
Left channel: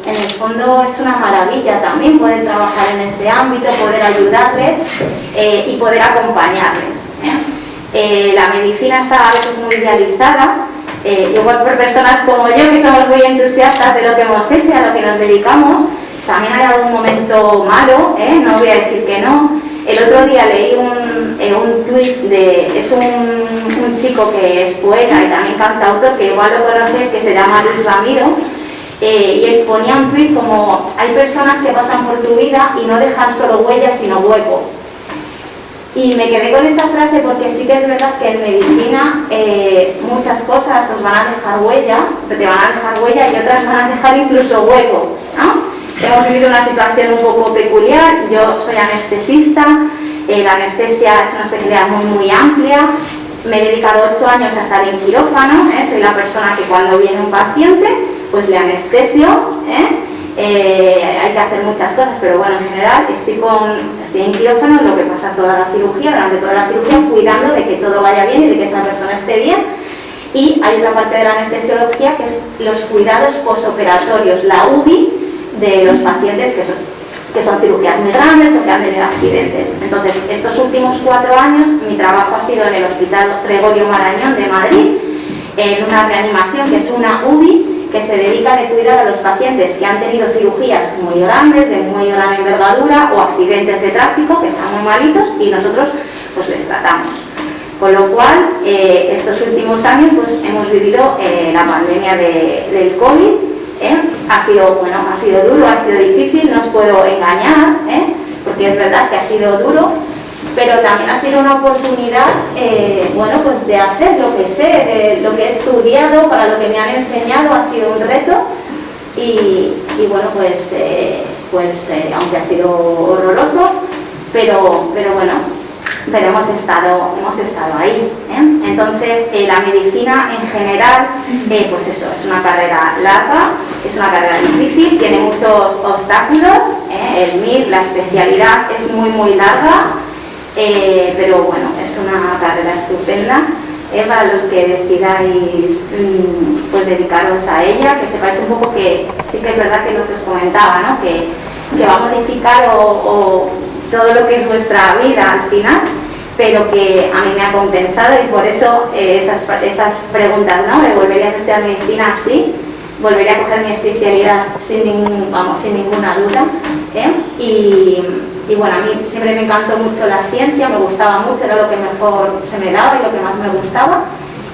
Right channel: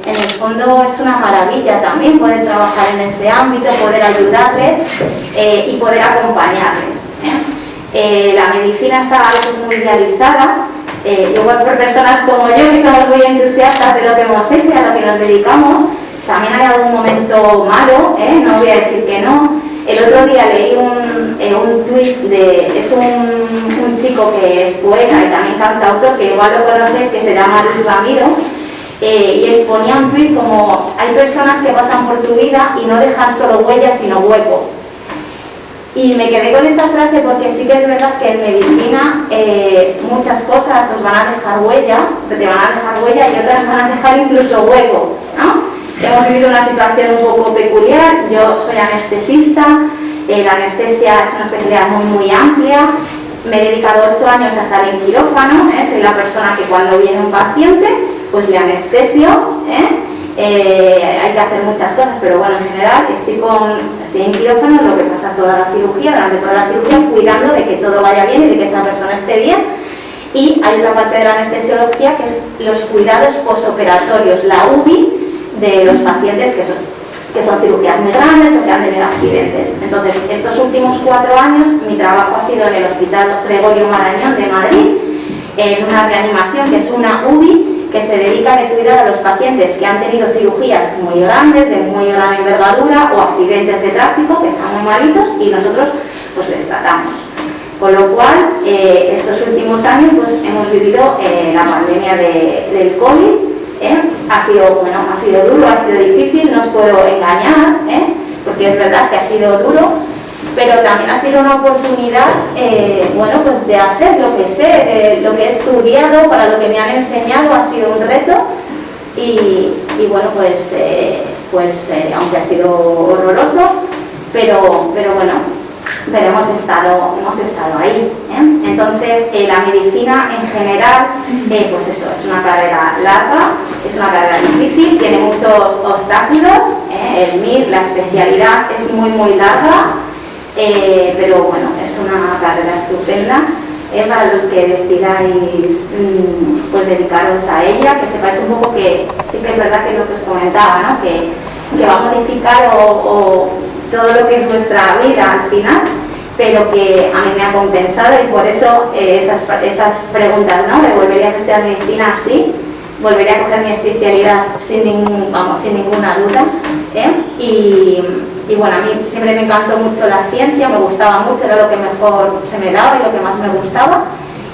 el fondo es una maravilla también, poder trabajar en ese ámbito, poder ayudarles y poder acompañarles. La medicina está a veces muy idealizada, igual por personas como yo, que somos muy entusiastas de lo que hemos hecho y a lo que nos dedicamos. También hay algún momento malo, no voy a decir que no. El otro día leí un tuit es un chico que es poeta y también cantautor, que igual lo conoces, que se llama Luis Ramiro, y él ponía un tuit como: hay personas que pasan por tu vida y no dejan solo huellas sino hueco. Y me quedé con esta frase porque sí que es verdad que en medicina muchas cosas os van a dejar huella, te van a dejar huella, y otras van a dejar incluso hueco, ¿no? Hemos vivido una situación un poco peculiar. Yo soy anestesista, la anestesia es una especialidad muy amplia. Me he dedicado 8 años a estar en quirófano, soy la persona que cuando viene un paciente pues le anestesio, hay que hacer muchas cosas, pero bueno, en general estoy en quirófano, lo que pasa durante toda la cirugía, cuidando de que todo vaya bien y de que esta persona esté bien. Y hay otra parte de la anestesiología que es los cuidados posoperatorios, la UBI de los pacientes que son cirugías muy grandes o que han tenido accidentes. Entonces, estos últimos 4 años mi trabajo ha sido en el Hospital Gregorio Marañón de Madrid, en una reanimación que es una UBI, que se dedica a cuidar a los pacientes que han tenido cirugías muy grandes, de muy gran envergadura, o accidentes de tráfico, que están muy malitos, y nosotros pues les tratamos. Con lo cual, estos últimos años pues hemos vivido la pandemia del COVID. Ha sido duro, ha sido difícil, no os puedo engañar, porque es verdad que ha sido duro, pero también ha sido una oportunidad pues de hacer lo que sé, lo que he estudiado, para lo que me han enseñado. Ha sido un reto y bueno, pues aunque ha sido horroroso, pero bueno, hemos estado ahí. Entonces, la medicina en general, pues eso, es una carrera larga, es una carrera difícil, tiene muchos obstáculos. El MIR, la especialidad, es muy larga, pero bueno, es una carrera estupenda. Para los que decidáis pues dedicaros a ella, que sepáis un poco que sí que es verdad que lo que os comentaba, ¿no? que va a modificar o todo lo que es vuestra vida al final, pero que a mí me ha compensado, y por eso esas preguntas, ¿no? ¿De volverías a estudiar medicina? Sí, volvería a coger mi especialidad sin ninguna duda, y bueno, a mí siempre me encantó mucho la ciencia, me gustaba mucho, era lo que mejor se me daba y lo que más me gustaba.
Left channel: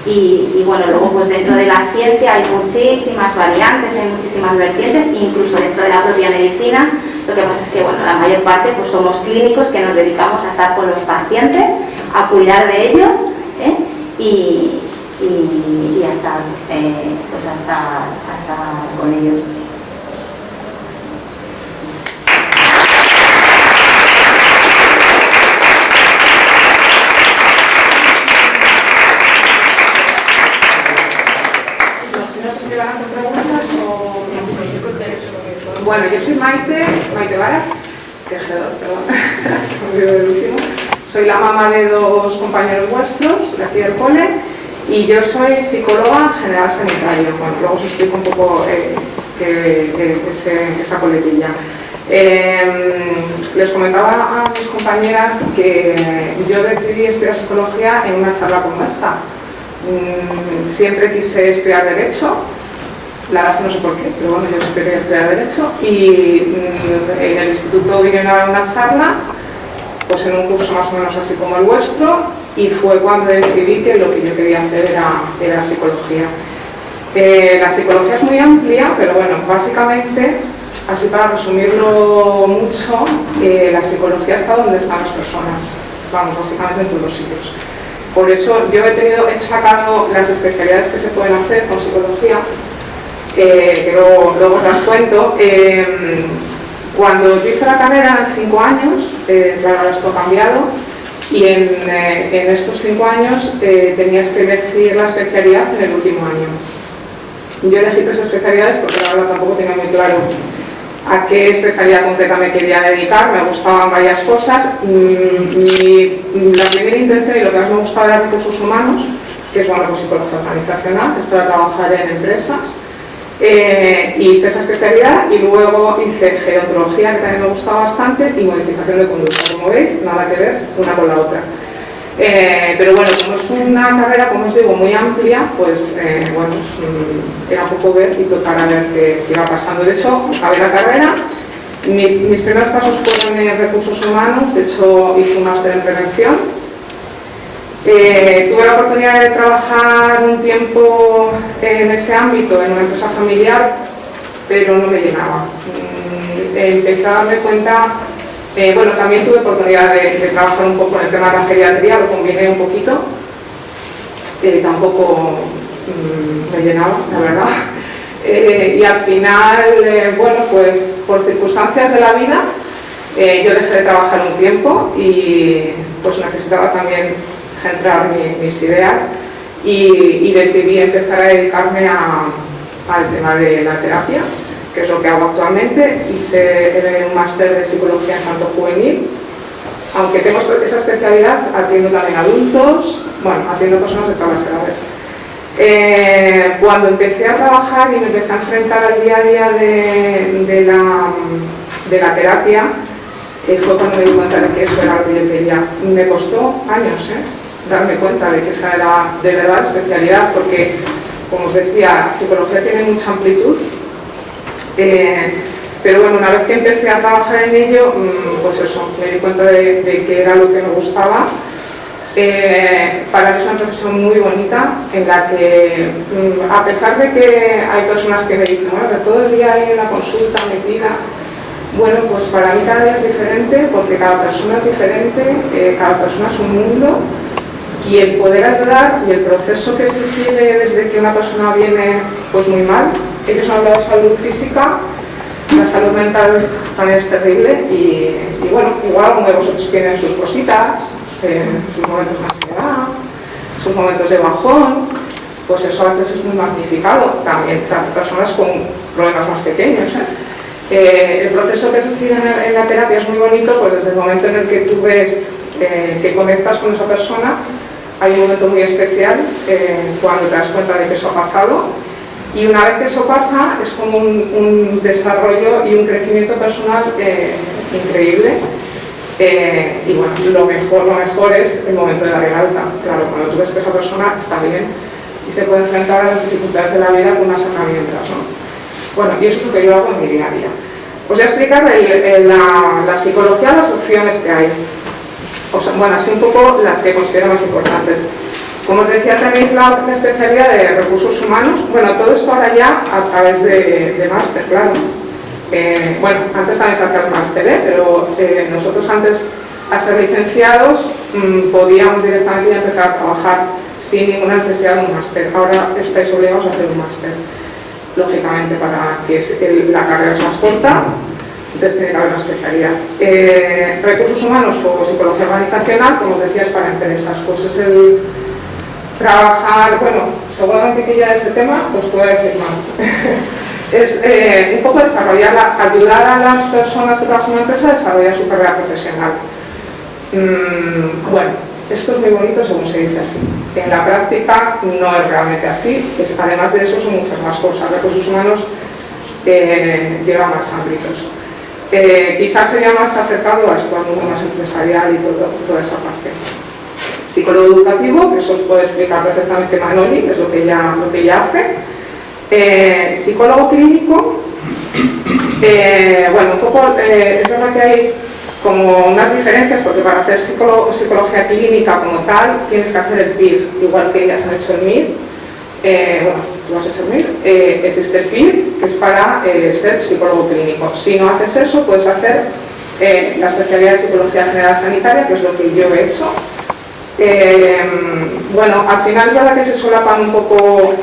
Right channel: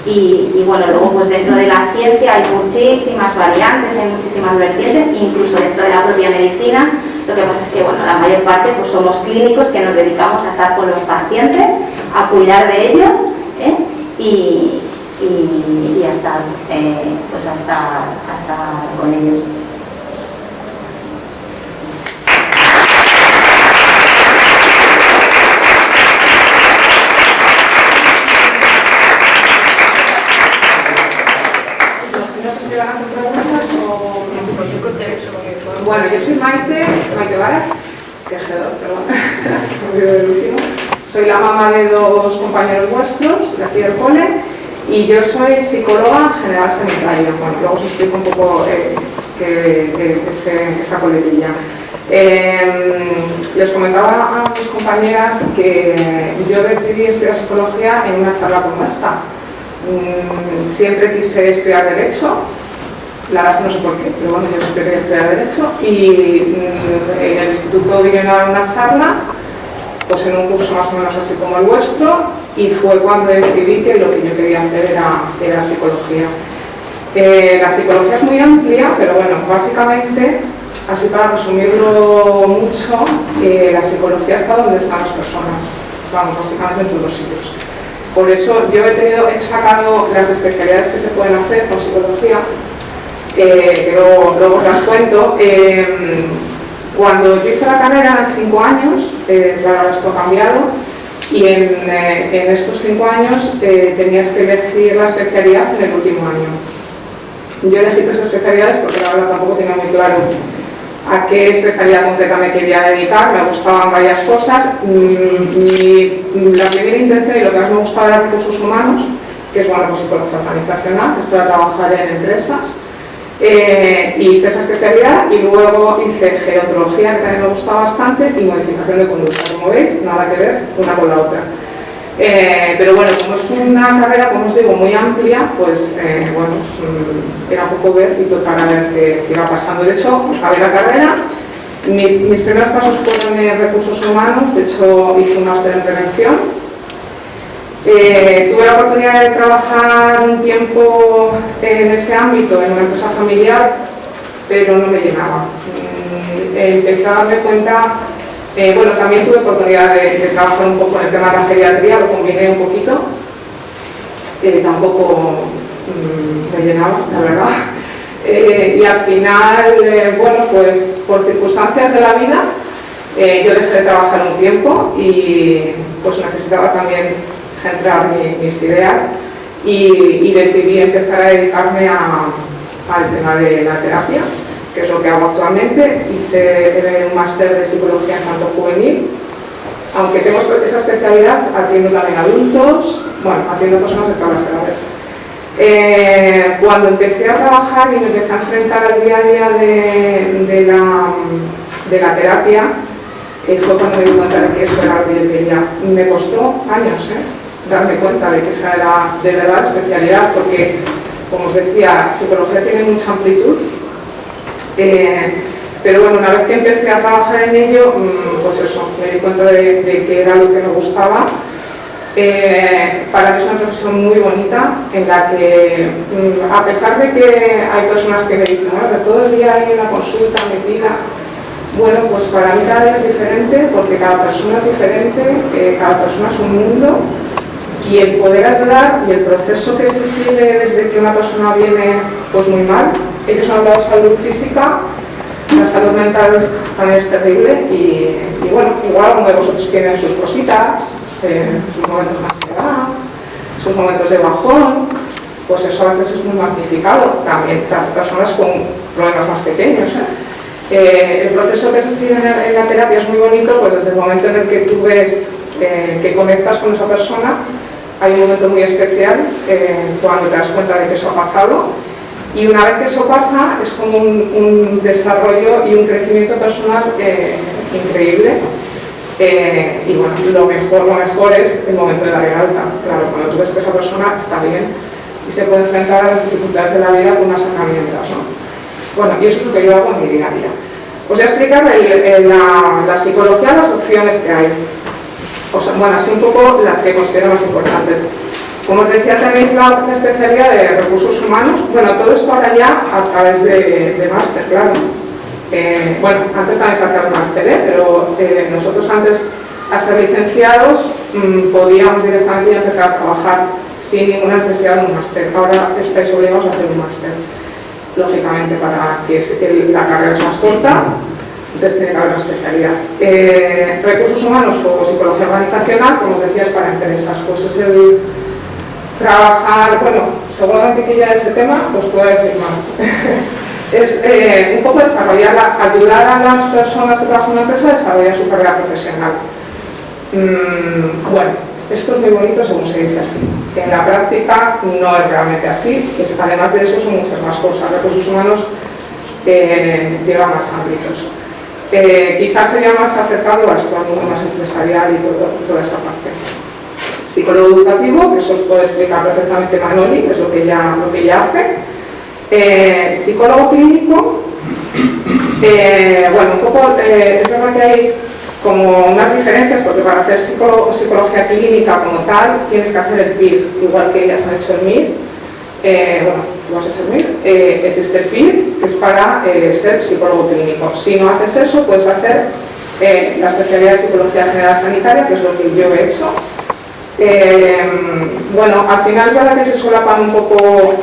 Y bueno, luego pues dentro de la ciencia hay muchísimas variantes, hay muchísimas vertientes, incluso dentro de la propia medicina. Lo que pasa es que bueno, la mayor parte pues somos clínicos que nos dedicamos a estar con los pacientes, a cuidar de ellos, y a estar con ellos. Bueno, yo soy Maite Vara, tejedor, perdón, me olvido del último. Soy la mamá de 2 compañeros vuestros de aquí del cole, y yo soy psicóloga general sanitaria. Bueno, luego os explico un poco esa coletilla. Les comentaba a mis compañeras que yo decidí estudiar psicología en una charla como esta. Siempre quise estudiar Derecho. La verdad no sé por qué, pero bueno, yo siempre quería estudiar Derecho, y en el instituto vinieron a dar una charla, pues en un curso más o menos así como el vuestro, y fue cuando decidí que lo que yo quería hacer era psicología. La psicología es muy amplia, pero bueno, básicamente, así para resumirlo mucho, la psicología está donde están las personas, vamos, básicamente en todos los sitios. Por eso yo he sacado las especialidades que se pueden hacer con psicología, que luego os las cuento. Cuando yo hice la carrera en 5 años, claro, esto ha cambiado, y en estos 5 años tenías que elegir la especialidad en el último año. Yo elegí 3 especialidades porque la verdad tampoco tenía muy claro a qué especialidad concreta me quería dedicar. Me gustaban varias cosas. La primera intención y lo que más me gustaba era recursos humanos, que es bueno, pues psicología organizacional, que es para trabajar en empresas. Y hice esa especialidad, y luego hice gerontología, que también me gustaba bastante, y modificación de conducta. Como veis, nada que ver una con la otra. Pero bueno, como es una carrera, como os digo, muy amplia, pues bueno, era un poco ver y tocar a ver qué iba pasando. De hecho, acabé la carrera, mis primeros pasos fueron en recursos humanos, de hecho hice un máster en prevención. Tuve la oportunidad de trabajar un tiempo en ese ámbito, en una empresa familiar, pero no me llenaba. Empecé a darme cuenta. Bueno, también tuve oportunidad de trabajar un poco en el tema de la geriatría, lo combiné un poquito, tampoco me llenaba, la verdad. Y al final, bueno, pues por circunstancias de la vida, yo dejé de trabajar un tiempo y pues necesitaba también centrar mis ideas y decidí empezar a dedicarme al tema de la terapia, que es lo que hago actualmente. Hice un máster de psicología infanto-juvenil, aunque tengo esa especialidad, atiendo también adultos, bueno, atiendo personas de todas las edades. Cuando empecé a trabajar y me empecé a enfrentar al día a día de la terapia, fue cuando me di cuenta de que eso era lo que yo quería. Me costó años darme cuenta de que esa era de verdad la especialidad, porque, como os decía, psicología tiene mucha amplitud. Pero bueno, una vez que empecé a trabajar en ello, pues eso, me di cuenta de que era lo que me gustaba. Para mí es una profesión muy bonita, en la que, a pesar de que hay personas que me dicen, bueno, todo el día hay una consulta metida, bueno, pues para mí cada día es diferente, porque cada persona es diferente, cada persona es un mundo, y el poder ayudar y el proceso que se sigue desde que una persona viene pues muy mal. Ellos han hablado de salud física, la salud mental también es terrible y bueno, igual alguno de vosotros tienen sus cositas, sus momentos de ansiedad, sus momentos de bajón, pues eso a veces es muy magnificado, también tanto personas con problemas más pequeños. El proceso que se sigue en la terapia es muy bonito, pues desde el momento en el que tú ves que conectas con esa persona, hay un momento muy especial cuando te das cuenta de que eso ha pasado, y una vez que eso pasa es como un desarrollo y un crecimiento personal increíble. Y bueno, lo mejor es el momento de dar el alta. Claro, cuando tú ves que esa persona está bien y se puede enfrentar a las dificultades de la vida con unas herramientas, ¿no? Bueno, y eso es lo que yo hago en mi día a día. Os voy a explicar la psicología, las opciones que hay. O sea, bueno, así un poco las que considero más importantes. Como os decía, tenéis la especialidad de recursos humanos. Bueno, todo esto ahora ya a través de máster, claro. Bueno, antes también sacar el máster, pero nosotros antes, a ser licenciados, podíamos directamente empezar a trabajar sin ninguna necesidad de un máster. Ahora estáis obligados a hacer un máster, lógicamente, para que la carrera es más corta. Entonces tiene que haber una especialidad. Recursos humanos o psicología organizacional, como os decía, es para empresas. Pues es el trabajar, bueno, seguramente que ya ese tema os puedo decir más. Es un poco desarrollar, ayudar a las personas que trabajan en una empresa a desarrollar su carrera profesional. Bueno, esto es muy bonito según se dice así. En la práctica no es realmente así. Además de eso son muchas más cosas. Recursos humanos lleva más ámbitos. Quizás sería más acercado a esto, al mundo más empresarial y toda esa parte. Psicólogo educativo, que eso os puede explicar perfectamente Manoli, que es lo que ella hace. Psicólogo clínico, bueno, un poco, es verdad que hay como unas diferencias, porque para hacer psicología clínica como tal, tienes que hacer el PIR, igual que ellas han hecho el MIR. Bueno, tú has hecho el MIR, existe el PIR, que es para ser psicólogo clínico. Si no haces eso, puedes hacer la especialidad de psicología general sanitaria, que es lo que yo he hecho. Bueno, al final es verdad que se solapan un poco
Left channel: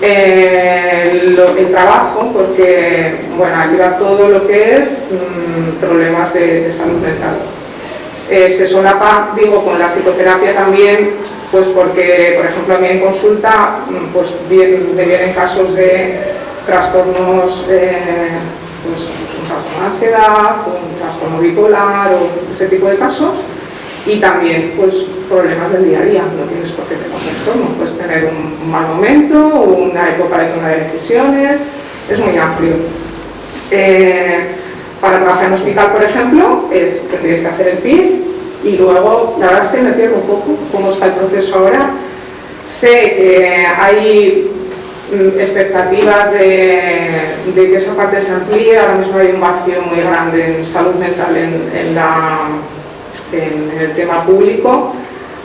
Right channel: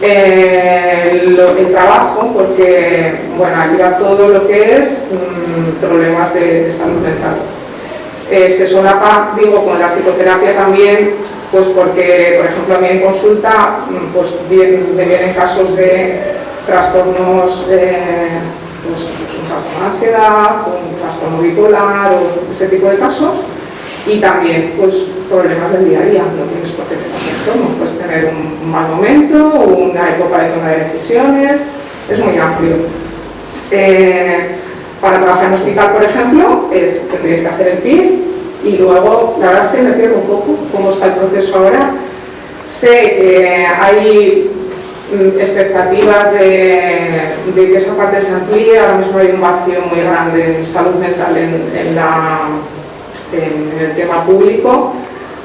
el trabajo, porque bueno, ayuda todo lo que es problemas de salud mental. Se solapa, digo, con la psicoterapia también, pues porque, por ejemplo, a mí en consulta pues vienen casos de trastornos, pues un trastorno de ansiedad, un trastorno bipolar o ese tipo de casos, y también pues problemas del día a día. No tienes por qué tener un trastorno, puedes tener un mal momento, una época de toma de decisiones, es muy amplio. Para trabajar en hospital, por ejemplo, tendríais que hacer el PIR, y luego la verdad es que me pierdo un poco cómo está el proceso ahora. Sé que hay expectativas de que esa parte se amplíe. Ahora mismo hay un vacío muy grande en salud mental en el tema público.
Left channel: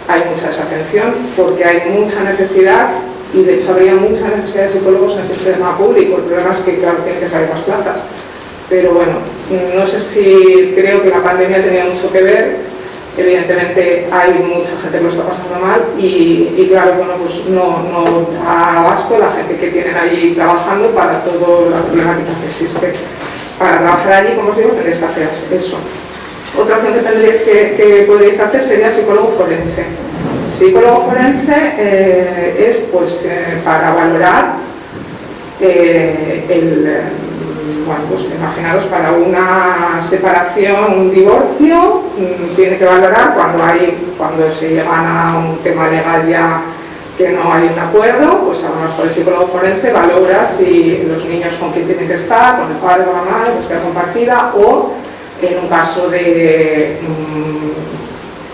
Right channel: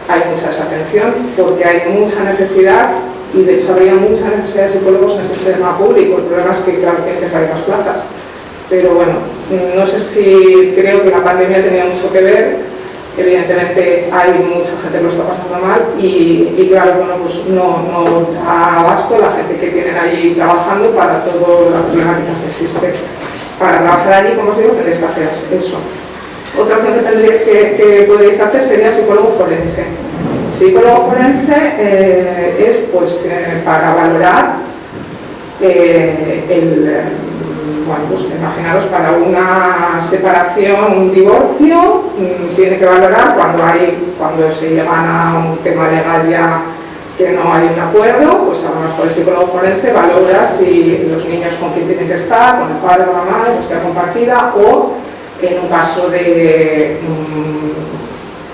Hay mucha desatención porque hay mucha necesidad, y de hecho habría mucha necesidad de psicólogos en el sistema público. El problema es que, claro, tienen que salir las plazas. Pero bueno, no sé si creo que la pandemia tenía mucho que ver. Evidentemente hay mucha gente que lo está pasando mal y claro, bueno, pues no da abasto la gente que tienen allí trabajando para toda la problemática que existe. Para trabajar allí, como os digo, tendréis que hacer eso. Otra opción que podríais hacer sería psicólogo forense. Psicólogo forense es pues para valorar bueno, pues imaginaros, para una separación, un divorcio, tiene que valorar cuando se llegan a un tema legal ya que no hay un acuerdo, pues a lo mejor el psicólogo forense valora si los niños con quién tienen que estar, con el padre o la madre, custodia compartida, o en un caso de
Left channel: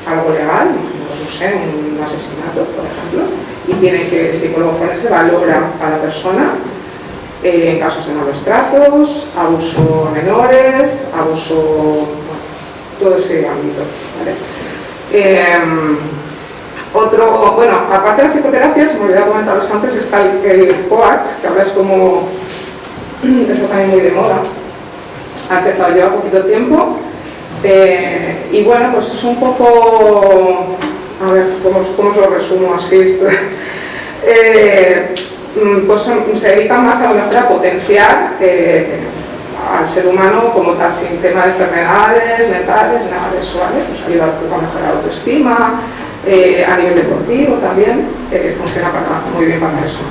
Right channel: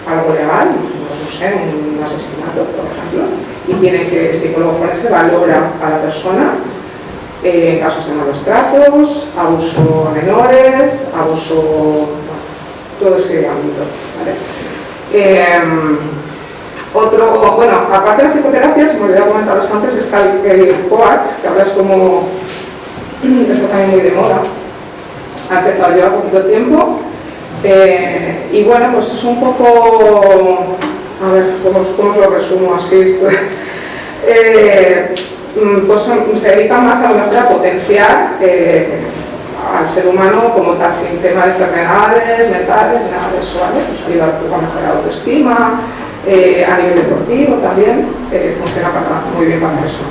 algo legal, no sé, un asesinato, por ejemplo, y el psicólogo forense valora a la persona en casos de malos tratos, abuso a menores, abuso, bueno, todo ese ámbito, ¿vale? Bueno, aparte de la psicoterapia, se me olvidó comentaros antes, está el coach, que ahora es como, eso también muy de moda, ha empezado lleva poquito tiempo, y bueno, pues es un poco, a ver, ¿cómo os lo resumo así? Pues se dedican más a lo mejor a potenciar al ser humano como tal, sin tema de enfermedades mentales, nada de eso, ¿vale? Pues ayuda a mejorar la autoestima, a nivel deportivo también, funciona muy bien para eso.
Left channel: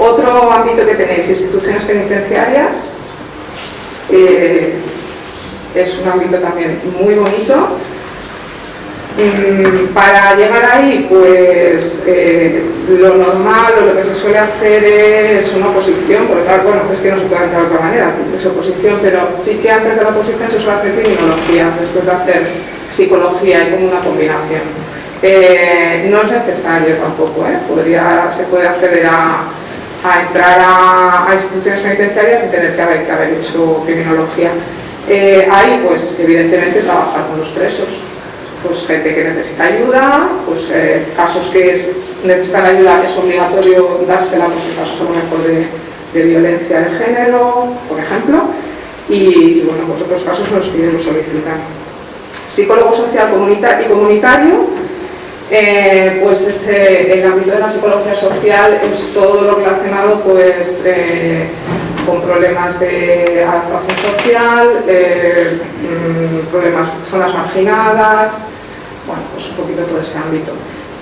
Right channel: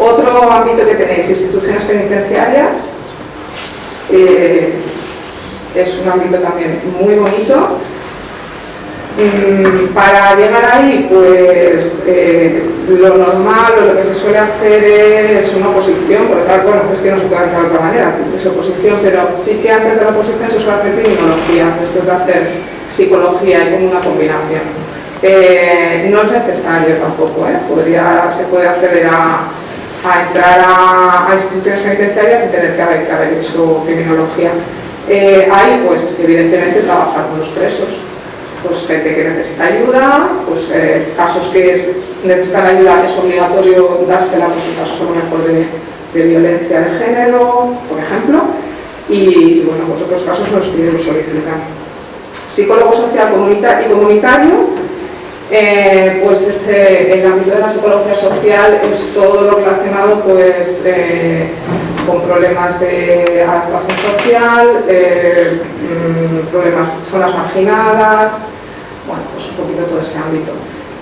Otro ámbito que tenéis, instituciones penitenciarias, es un ámbito también muy bonito. Para llegar ahí, pues lo normal o lo que se suele hacer es una oposición, porque claro, bueno, es que no se puede hacer de otra manera, es oposición, pero sí que antes de la oposición se suele hacer criminología, después de hacer psicología, y como una combinación. No es necesario tampoco, se puede acceder a entrar a instituciones penitenciarias sin tener que haber hecho criminología. Ahí, pues evidentemente, trabajar con los presos. Pues gente que necesita ayuda, pues casos que necesitan ayuda es obligatorio dársela, pues en casos a lo mejor de violencia de género, por ejemplo, y bueno, pues otros casos los piden, los solicitan. Psicólogo social y comunitario, pues es el ámbito de la psicología social es todo lo relacionado pues con problemas de adaptación social, problemas, zonas marginadas, bueno, pues un poquito todo ese ámbito.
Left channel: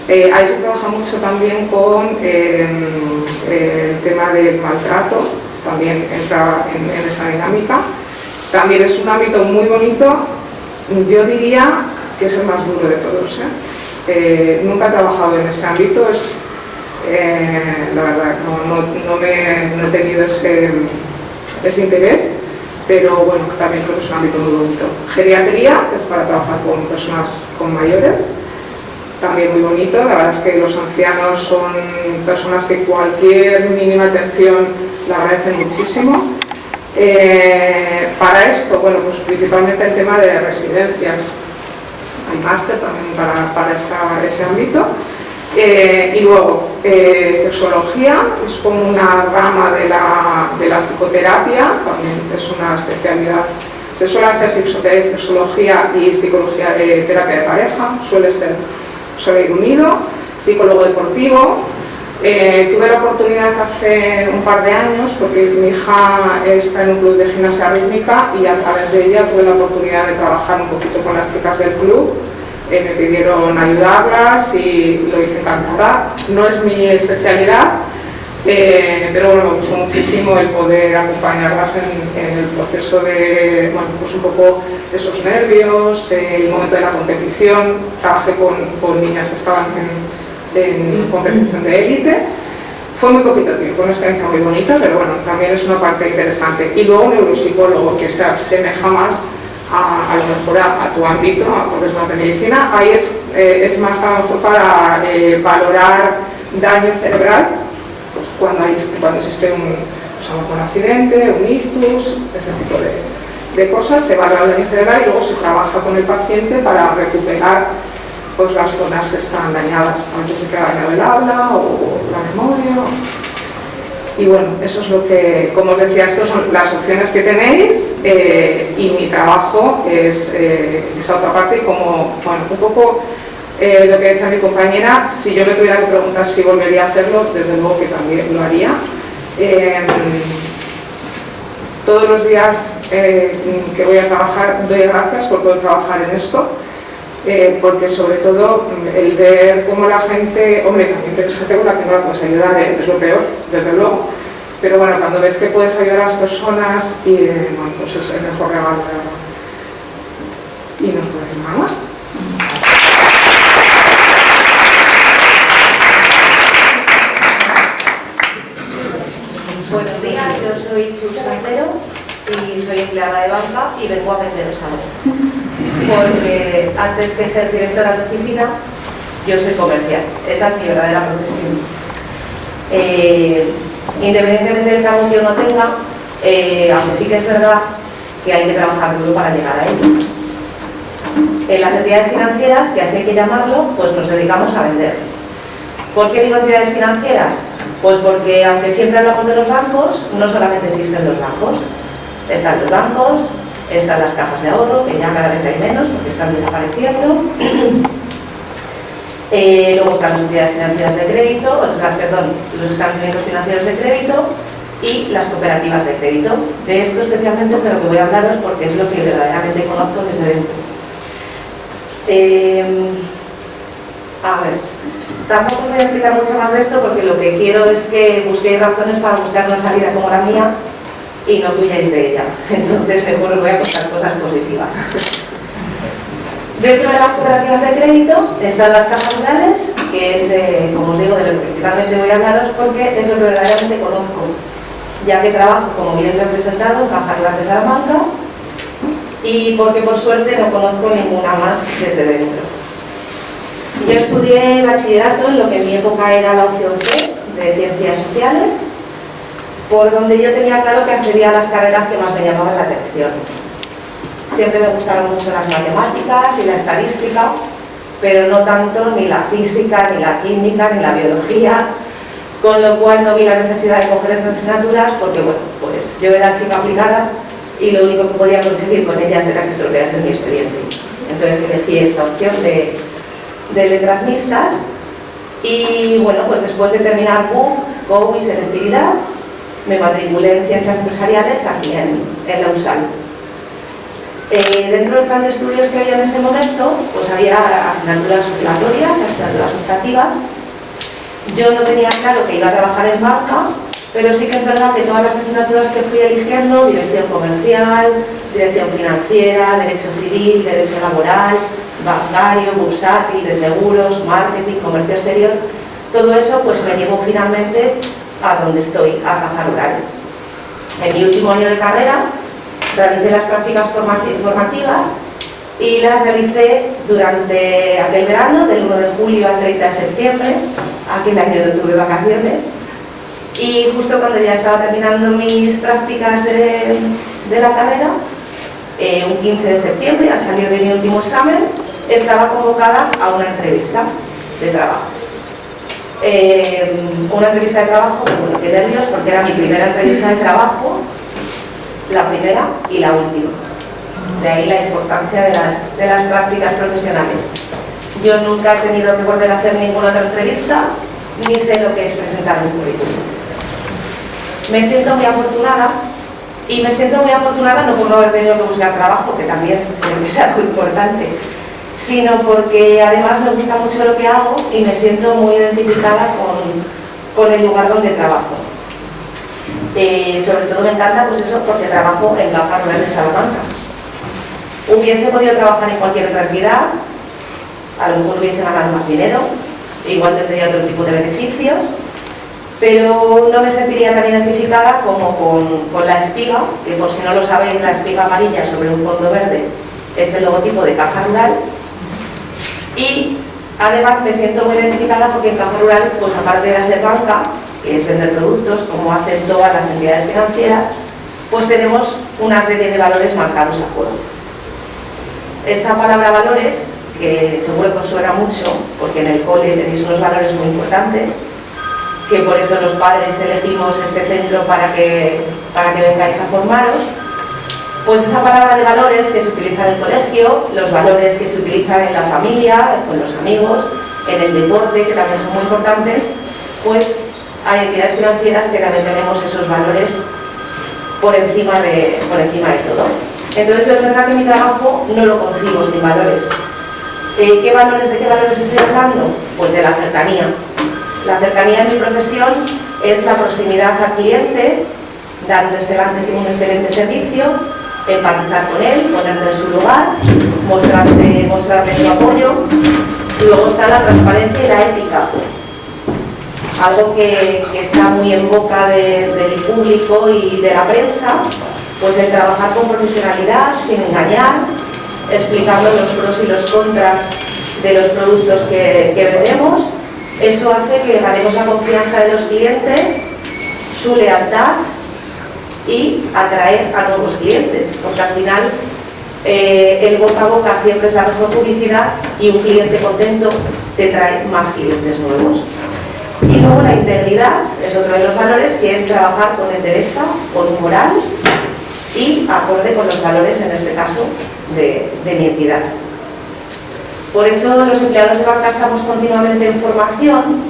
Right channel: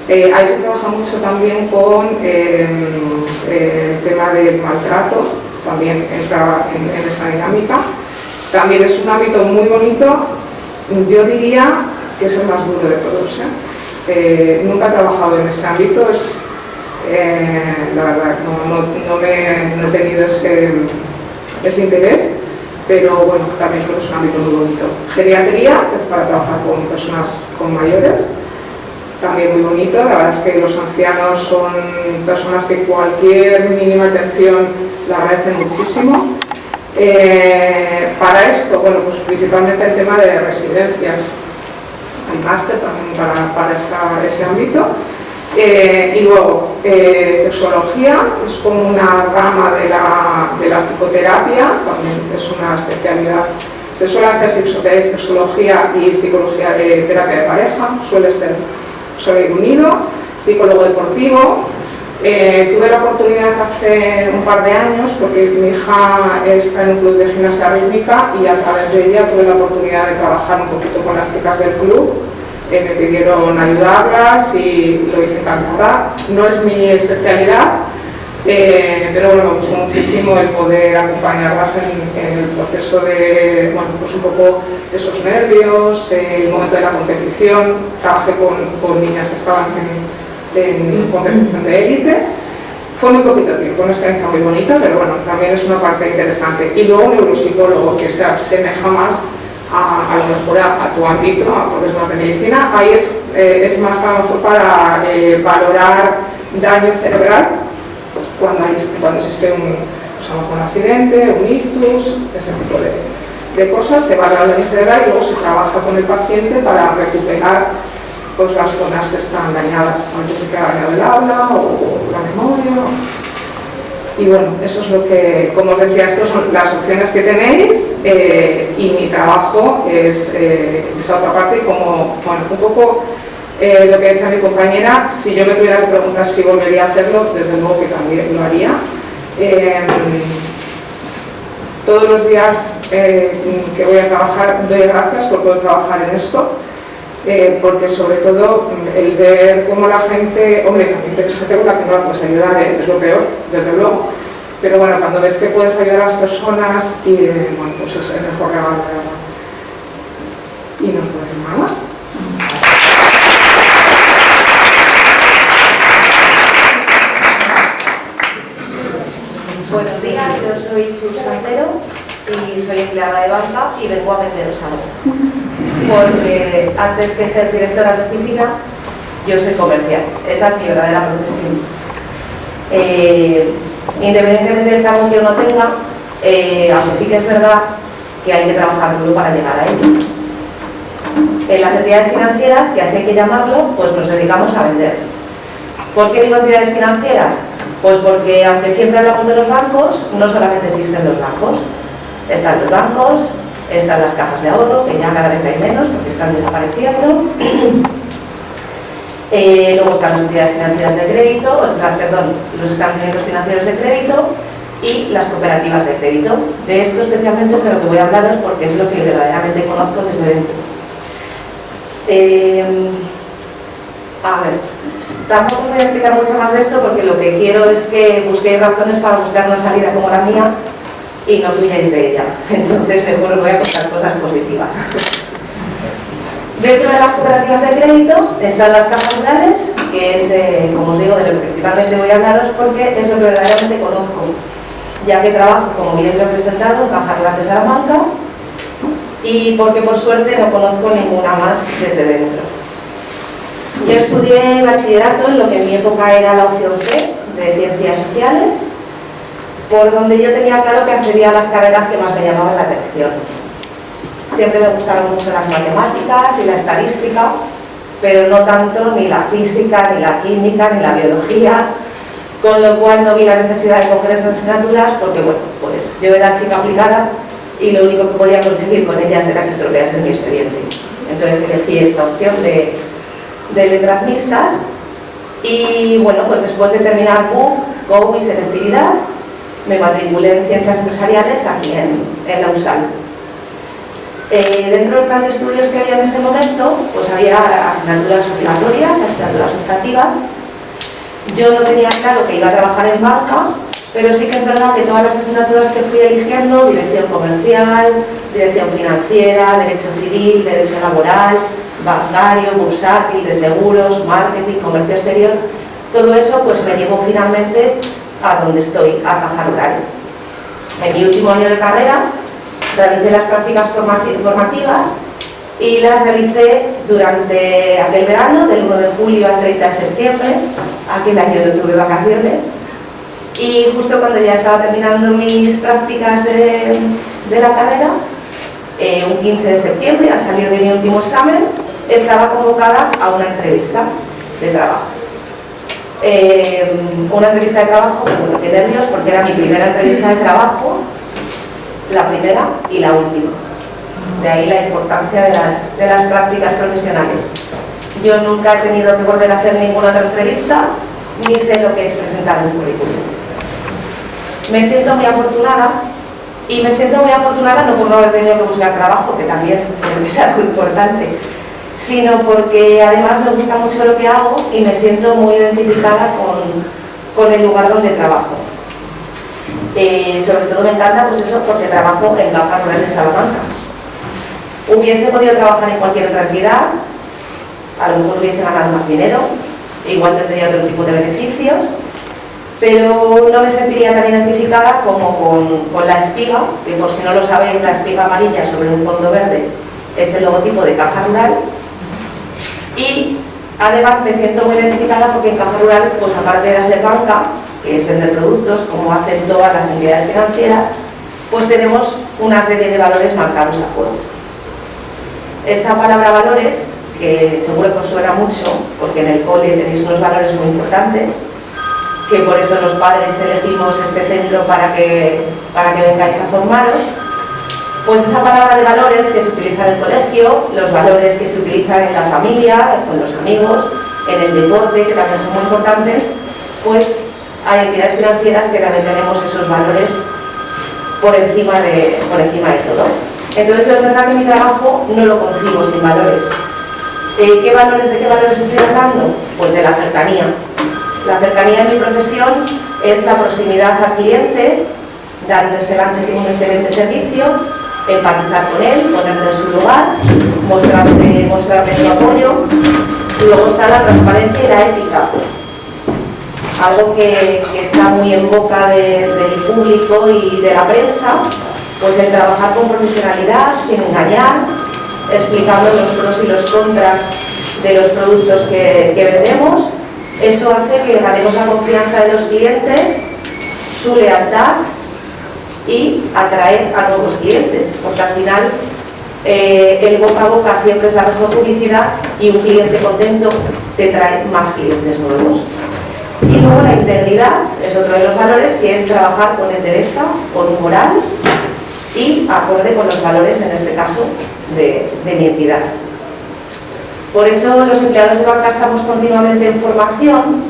Ahí se trabaja mucho también con el tema del maltrato, también entra en esa dinámica. También es un ámbito muy bonito, yo diría que es el más duro de todos. Nunca he trabajado en ese ámbito, la verdad, no he tenido ese interés, pero bueno, también creo que es un ámbito muy bonito. Geriatría, que es para trabajar con personas con mayores, también muy bonito. La verdad es que los ancianos son personas que cualquier mínima atención la agradecen muchísimo. Para esto, bueno, pues principalmente el tema de residencias. Hay máster también para ese ámbito. Y luego, sexología, es como una rama de la psicoterapia, también es una especialidad. Se suele hacer sexología y psicología de terapia de pareja, suele ir unido. Psicólogo deportivo, tuve la oportunidad hace un par de años, porque mi hija está en un club de gimnasia rítmica y a través de ella tuve la oportunidad de trabajar un poquito con las chicas del club. Me pidieron ayudarlas y lo hice encantada. No es mi especialidad, pero bueno, me gustó muchísimo el poder acompañarlas en el proceso de, bueno, pues un poco esos nervios, el momento de la competición. Trabajé con niñas que estaban en competición de élite. Fue muy poquito tiempo, una experiencia muy bonita, pero bueno, también es una parte interesante. Y luego neuropsicólogo, que se asemeja más a lo mejor a tu ámbito, a problemas de medicina. Ahí es más a lo mejor para valorar daño cerebral cuando existe un accidente, un ictus, ese tipo de cosas. Se valora el daño cerebral y luego se trabaja con el paciente para recuperar pues, las zonas que están dañadas. A veces se queda dañado el habla o la memoria. Y bueno, eso es lo que, como os decía, estas son las opciones que tenéis y mi trabajo es esa otra parte y como, bueno, un poco lo que decía mi compañera, si yo me tuviera que preguntar si volvería a hacerlo, desde luego que también lo haría. Todos los días que voy a trabajar doy gracias por poder trabajar en esto, porque sobre todo el ver cómo la gente, hombre, también tienes gente con la que no la puedes ayudar, es lo peor, desde luego, pero bueno, cuando ves que puedes ayudar a las personas y bueno, pues es el mejor regalo de verdad. Y no os puedo decir nada más. Buenos días, yo soy Chus Santero y soy empleada de banca y vengo a venderos algo. Porque antes que ser directora de oficina, yo soy comercial. Esa es mi verdadera profesión. Independientemente del cargo que uno tenga, aunque sí que es verdad que hay que trabajar duro para llegar a ello. En las entidades financieras, que así hay que llamarlo, pues nos dedicamos a vender. ¿Por qué digo entidades financieras? Pues porque aunque siempre hablamos de los bancos, no solamente existen los bancos. Están los bancos, están las cajas de ahorro, que ya cada vez hay menos porque están desapareciendo. Luego están las entidades financieras de crédito, los establecimientos financieros de crédito y las cooperativas de crédito. De esto especialmente es de lo que voy a hablaros porque es lo que verdaderamente conozco desde dentro. A ver, tampoco os voy a explicar mucho más de esto porque lo que quiero es que busquéis razones para buscar una salida como la mía y no huyáis de ella. Entonces mejor os voy a contar cosas positivas. Dentro de las cooperativas de crédito están las cajas rurales, que es, como os digo, de lo que principalmente voy a hablaros porque es lo que verdaderamente conozco, ya que trabajo, como bien lo he presentado, en Caja Rural de Salamanca y porque por suerte no conozco ninguna más desde dentro. Yo estudié bachillerato en lo que en mi época era la opción C, de Ciencias Sociales, por donde yo tenía claro que accedía a las carreras que más me llamaban la atención. Siempre me gustaron mucho las matemáticas y la estadística, pero no tanto ni la física, ni la química, ni la biología, con lo cual no vi la necesidad de coger esas asignaturas porque, bueno, pues yo era chica aplicada y lo único que podía conseguir con ellas era que estropeasen mi expediente. Entonces elegí esta opción de letras mixtas y, bueno, pues después de terminar COU y selectividad, me matriculé en Ciencias Empresariales aquí en la USAL. Dentro del plan de estudios que había en ese momento, pues había asignaturas obligatorias, asignaturas optativas. Yo no tenía claro que iba a trabajar en banca, pero sí que es verdad que todas las asignaturas que fui eligiendo, dirección comercial, dirección financiera, derecho civil, derecho laboral, bancario, bursátil, de seguros, marketing, comercio exterior, todo eso pues me llevó finalmente a donde estoy, a Caja Rural. En mi último año de carrera realicé las prácticas formativas y las realicé durante aquel verano, del 1 de julio al 30 de septiembre, aquel año no tuve vacaciones, y justo cuando ya estaba terminando mis prácticas de la carrera, un 15 de septiembre, al salir de mi último examen, estaba convocada a una entrevista de trabajo. Una entrevista de trabajo, bueno, qué nervios, porque era mi primera entrevista de trabajo, la primera y la última. De ahí la importancia de las prácticas profesionales. Yo nunca he tenido que volver a hacer ninguna otra entrevista, ni sé lo que es presentar un currículum. Me siento muy afortunada, y me siento muy afortunada no por no haber tenido que buscar trabajo, que también creo que es algo importante, sino porque además me gusta mucho lo que hago y me siento muy identificada con el lugar donde trabajo. Sobre todo me encanta pues eso, porque trabajo en Caja Rural de Salamanca. Hubiese podido trabajar en cualquier otra entidad, a lo mejor hubiese ganado más dinero, igual tendría otro tipo de beneficios, pero no me sentiría tan identificada como con la espiga, que por si no lo sabéis, la espiga amarilla sobre un fondo verde es el logotipo de Caja Rural. Y además me siento muy identificada porque en Caja Rural, pues aparte de hacer banca, que es vender productos, como hacen todas las entidades financieras, pues tenemos una serie de valores marcados a fuego. Esta palabra valores, que seguro que os suena mucho, porque en el cole tenéis unos valores muy importantes, que por eso los padres elegimos este centro para que vengáis a formaros. Pues esa palabra de valores que se utiliza en el colegio, los valores que se utilizan en la familia, con los amigos, en el deporte, que también son muy importantes, pues hay entidades financieras que también tenemos esos valores por encima de todo. Entonces es verdad que mi trabajo no lo concibo sin valores. ¿De qué valores estoy hablando? Pues de la cercanía. La cercanía en mi profesión es la proximidad al cliente, dar un excelente servicio, empatizar con él, ponerle en su lugar, mostrarle su apoyo. Luego está la transparencia y la ética, algo que está muy en boca del público y de la prensa, pues el trabajar con profesionalidad, sin engañar, explicando los pros y los contras de los productos que vendemos. Eso hace que ganemos la confianza de los clientes, su lealtad y atraer a nuevos clientes, porque al final el boca a boca siempre es la mejor publicidad y un cliente contento te trae más clientes nuevos. Y luego la integridad es otro de los valores, que es trabajar con entereza, con moral y acorde con los valores, en este caso, de mi entidad. Por eso los empleados de banca estamos continuamente en formación,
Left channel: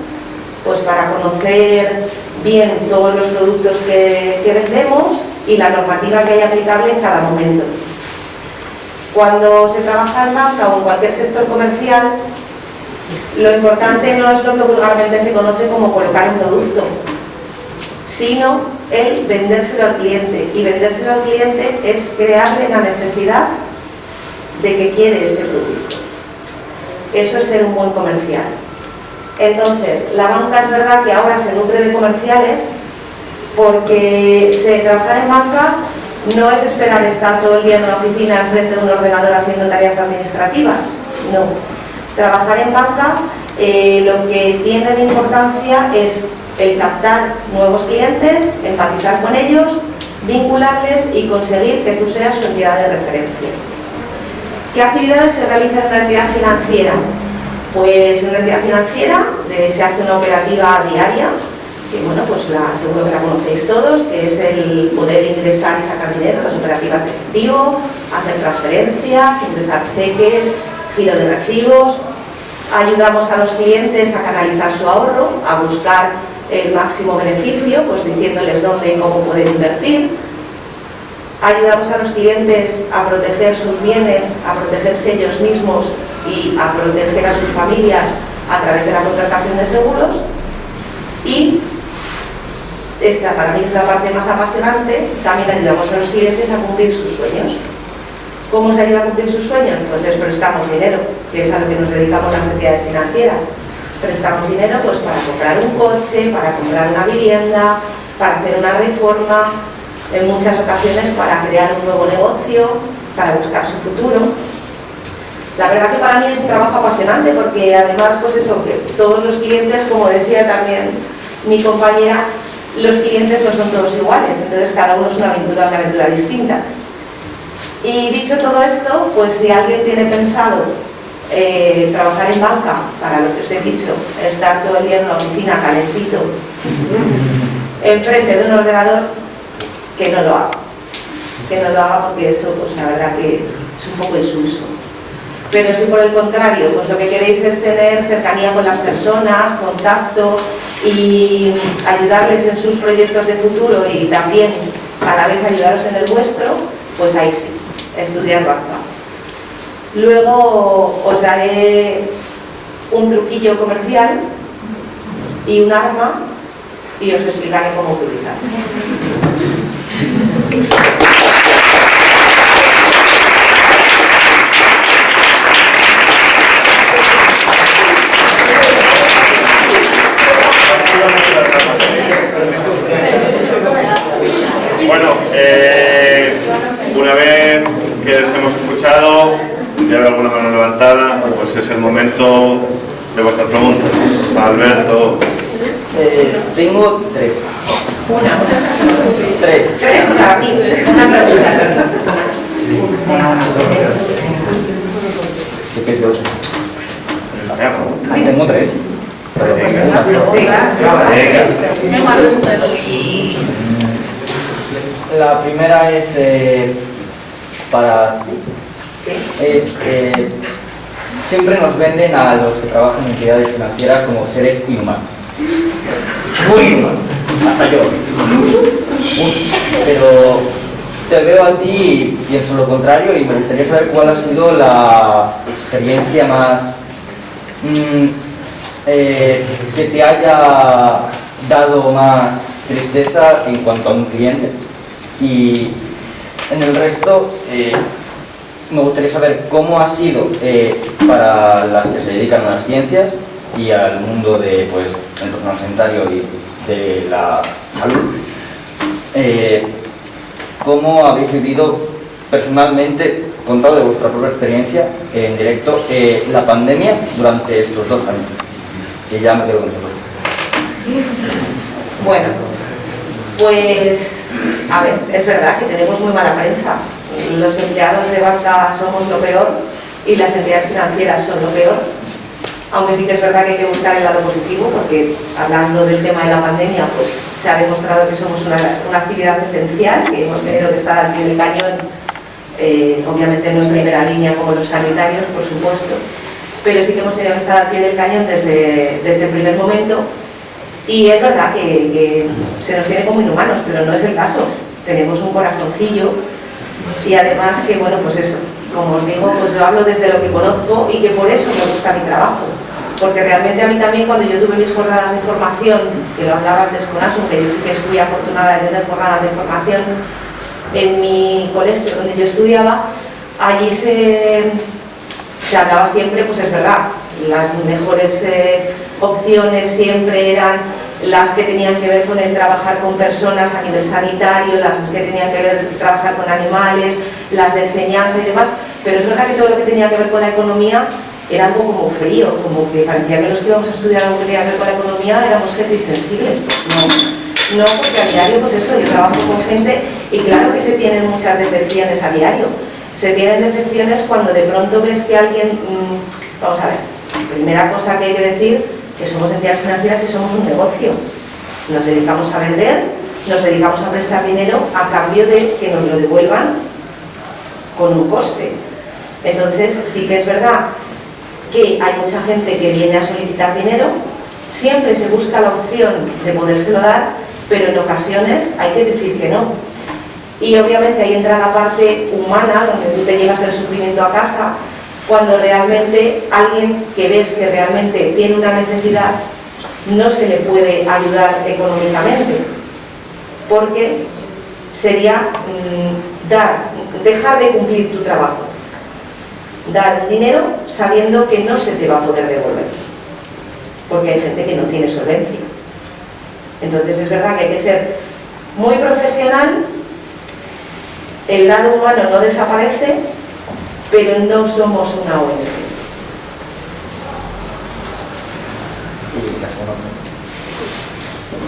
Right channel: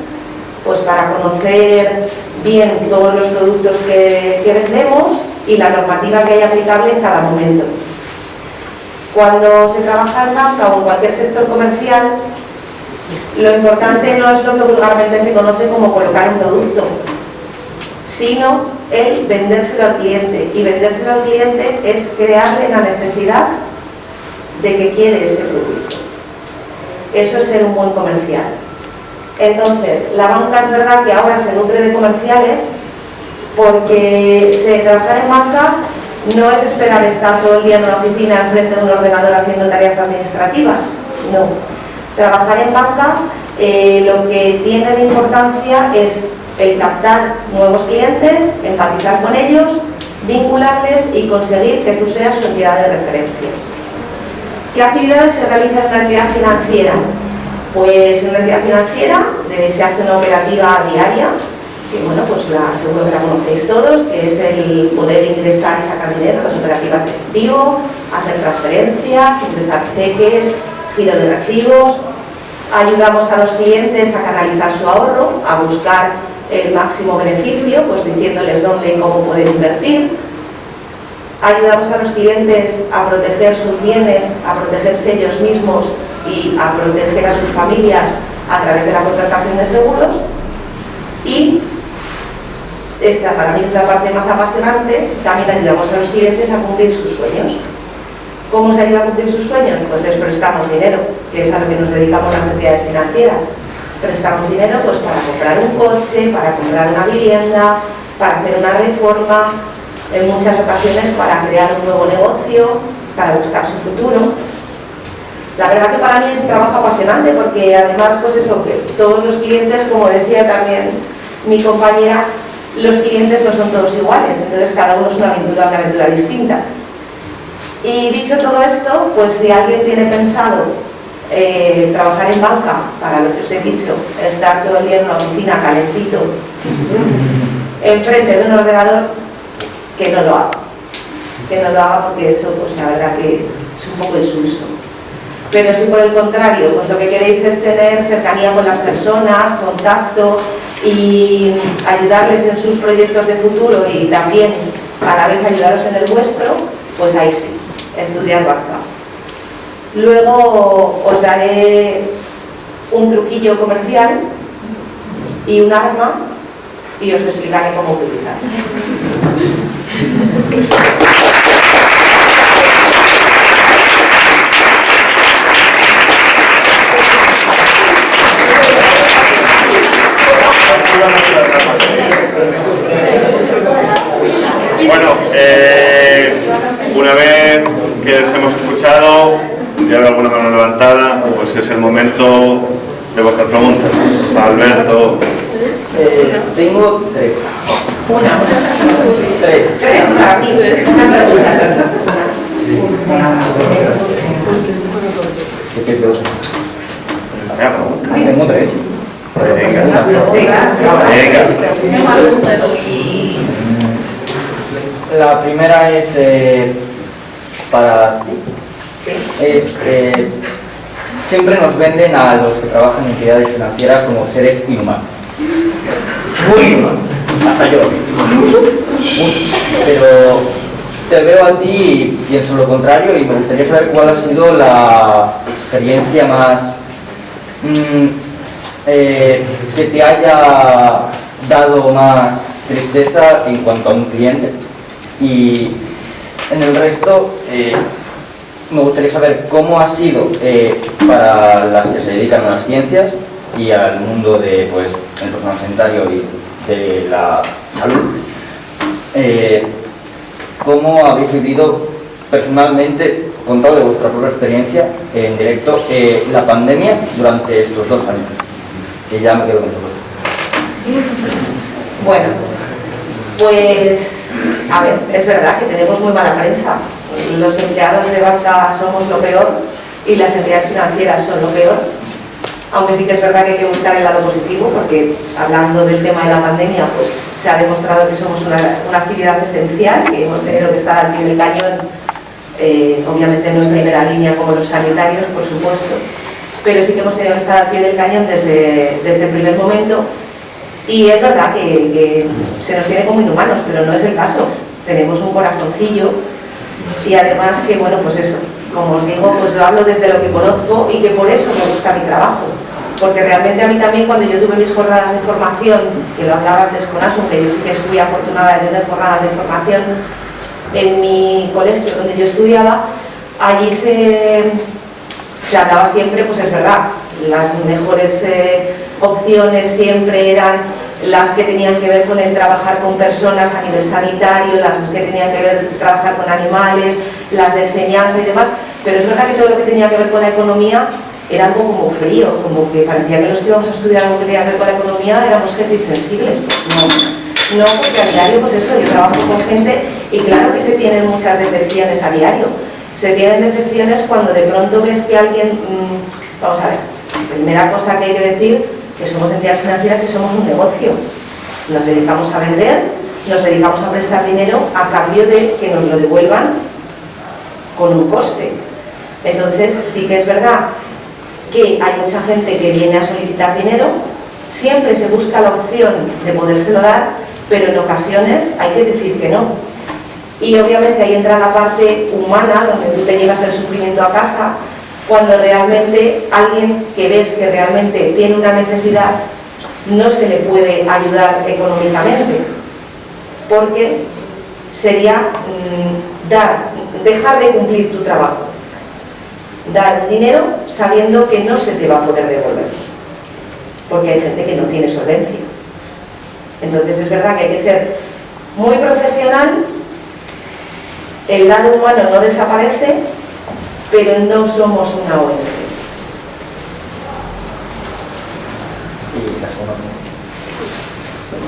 pues para conocer bien todos los productos que vendemos y la normativa que hay aplicable en cada momento. Cuando se trabaja en banca o en cualquier sector comercial, lo importante no es lo que vulgarmente se conoce como colocar un producto, sino el vendérselo al cliente. Y vendérselo al cliente es crearle la necesidad de que quiere ese producto. Eso es ser un buen comercial. Entonces, la banca es verdad que ahora se nutre de comerciales, porque trabajar en banca no es esperar estar todo el día en una oficina enfrente de un ordenador haciendo tareas administrativas, no. Trabajar en banca lo que tiene de importancia es el captar nuevos clientes, empatizar con ellos, vincularles y conseguir que tú seas su entidad de referencia. ¿Qué actividades se realizan en una entidad financiera? Pues en una entidad financiera se hace una operativa diaria, que bueno, pues seguro que la conocéis todos, que es el poder ingresar y sacar dinero, las operativas de efectivo, hacer transferencias, ingresar cheques, giro de recibos. Ayudamos a los clientes a canalizar su ahorro, a buscar el máximo beneficio, pues diciéndoles dónde y cómo poder invertir. Ayudamos a los clientes a proteger sus bienes, a protegerse ellos mismos y a proteger a sus familias a través de la contratación de seguros. Y esta para mí es la parte más apasionante, también ayudamos a los clientes a cumplir sus sueños. ¿Cómo se ayuda a cumplir sus sueños? Pues les prestamos dinero, que es a lo que nos dedicamos las entidades financieras. Prestamos dinero pues para comprar un coche, para comprar una vivienda, para hacer una reforma, en muchas ocasiones para crear un nuevo negocio, para buscar su futuro. La verdad que para mí es un trabajo apasionante, porque además pues eso, que todos los clientes, como decía también mi compañera, los clientes no son todos iguales, entonces cada uno es una aventura distinta. Y dicho todo esto, pues si alguien tiene pensado trabajar en banca, para lo que os he dicho, estar todo el día en una oficina calentito, enfrente de un ordenador, que no lo haga. Que no lo haga, porque eso, pues la verdad que es un poco insulso. Pero si por el contrario, pues lo que queréis es tener cercanía con las personas, contacto y ayudarles en sus proyectos de futuro y también a la vez ayudaros en el vuestro, pues ahí sí, estudiar banca. Luego os daré un truquillo comercial y un arma y os explicaré cómo utilizarlo. Bueno, una vez que les hemos escuchado, empatada, pues es el momento de vuestras preguntas. Alberto. Tengo tres. Tres para mí. Una pregunta. Tengo tres. Venga. La primera es para ti. Siempre nos venden a los que trabajan en entidades financieras como seres inhumanos. Muy inhumanos. Hasta yo. Pero te veo a ti y pienso lo contrario y me gustaría saber cuál ha sido la experiencia más que te haya dado más tristeza en cuanto a un cliente. Y en el resto me gustaría saber cómo ha sido para las que se dedican a las ciencias y al mundo de, pues, el personal sanitario y de la salud. ¿Cómo habéis vivido personalmente, contado de vuestra propia experiencia en directo, la pandemia durante estos 2 años? Que ya me quedo con eso. Bueno, pues, a ver, es verdad que tenemos muy mala prensa. Los empleados de banca somos lo peor y las entidades financieras son lo peor. Aunque sí que es verdad que hay que buscar el lado positivo, porque hablando del tema de la pandemia, pues se ha demostrado que somos una actividad esencial, que hemos tenido que estar al pie del cañón, obviamente no en primera línea como los sanitarios, por supuesto, pero sí que hemos tenido que estar al pie del cañón desde el primer momento. Y es verdad que se nos tiene como inhumanos, pero no es el caso. Tenemos un corazoncillo y además que, bueno, pues eso, como os digo, pues lo hablo desde lo que conozco y que por eso me gusta mi trabajo. Porque realmente a mí también, cuando yo tuve mis jornadas de formación, que lo hablaba antes con Asun, que yo sí que fui afortunada de tener jornadas de formación en mi colegio donde yo estudiaba, allí se hablaba siempre, pues es verdad, las mejores opciones siempre eran las que tenían que ver con el trabajar con personas a nivel sanitario, las que tenían que ver trabajar con animales, las de enseñanza y demás, pero es verdad que todo lo que tenía que ver con la economía era algo como frío, como que parecía que los que íbamos a estudiar algo que tenía que ver con la economía éramos gente insensible. No, porque a diario, pues eso, yo trabajo con gente y claro que se tienen muchas decepciones a diario. Se tienen decepciones cuando de pronto ves que alguien, vamos a ver, primera cosa que hay que decir, que somos entidades financieras y somos un negocio. Nos dedicamos a vender, nos dedicamos a prestar dinero a cambio de que nos lo devuelvan con un coste. Entonces sí que es verdad que hay mucha gente que viene a solicitar dinero, siempre se busca la opción de podérselo dar, pero en ocasiones hay que decir que no. Y obviamente ahí entra la parte humana, donde tú te llevas el sufrimiento a casa, cuando realmente alguien que ves que realmente tiene una necesidad no se le puede ayudar económicamente, porque sería dejar de cumplir tu trabajo, dar un dinero sabiendo que no se te va a poder devolver, porque hay gente que no tiene solvencia. Entonces es verdad que hay que ser muy profesional, el lado humano no desaparece, pero no somos una ONG.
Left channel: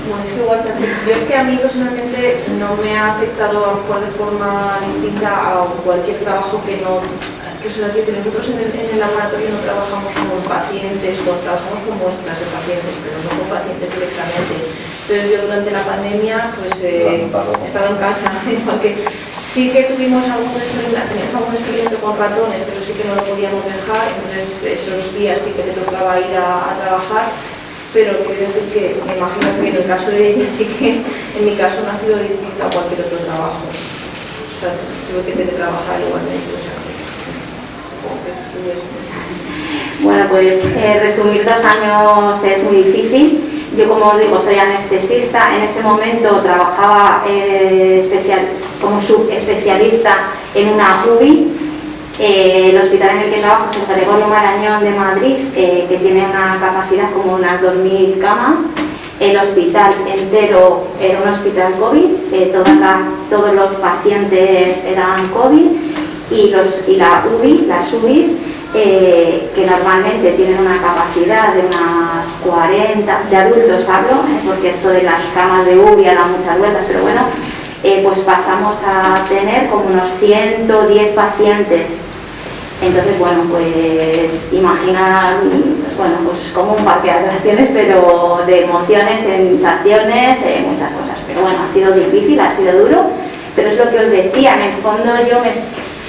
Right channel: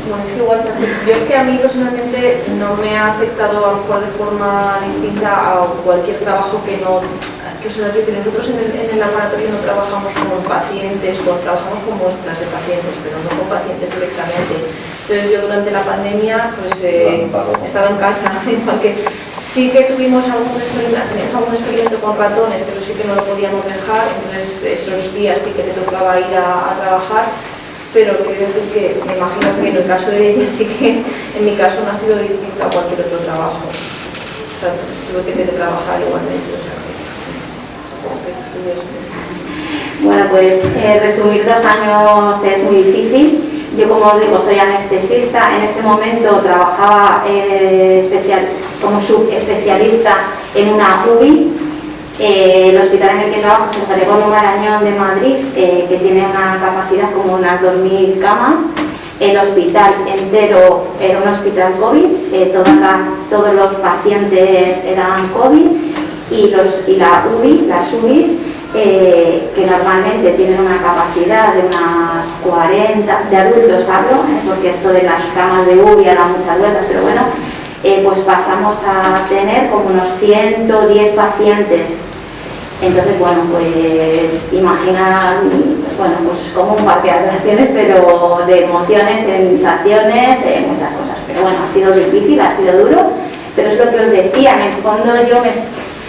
Bueno, es que igual, yo es que a mí personalmente no me ha afectado a lo mejor de forma distinta a cualquier trabajo que no, que o sea, que nosotros en el laboratorio no trabajamos con pacientes, trabajamos con muestras de pacientes, pero no con pacientes directamente. Entonces yo durante la pandemia pues estaba en casa, porque sí que teníamos algún experimento con ratones, pero sí que no lo podíamos dejar, entonces esos días sí que te tocaba ir a trabajar. Pero quiero decir que me imagino que en el caso de ella sí que en mi caso no ha sido distinto a cualquier otro trabajo. O sea, tuve que trabajar igualmente. O sea, Bueno, pues resumir 2 años es muy difícil. Yo, como os digo, soy anestesista. En ese momento trabajaba como subespecialista en una UBI. El hospital en el que trabajo es el Gregorio Marañón de Madrid, que tiene una capacidad como unas 2.000 camas. El hospital entero era un hospital COVID, todos los pacientes eran COVID y las UBIs que normalmente tienen una capacidad de unas 40, de adultos hablo, porque esto de las camas de UBI da muchas vueltas, pero bueno, pues pasamos a tener como unos 110 pacientes. Entonces, bueno, pues imagina, pues, bueno, pues como un parque de atracciones, pero de emociones, sensaciones, muchas cosas. Pero bueno, ha sido difícil, ha sido duro, pero es lo que os decía, en el fondo yo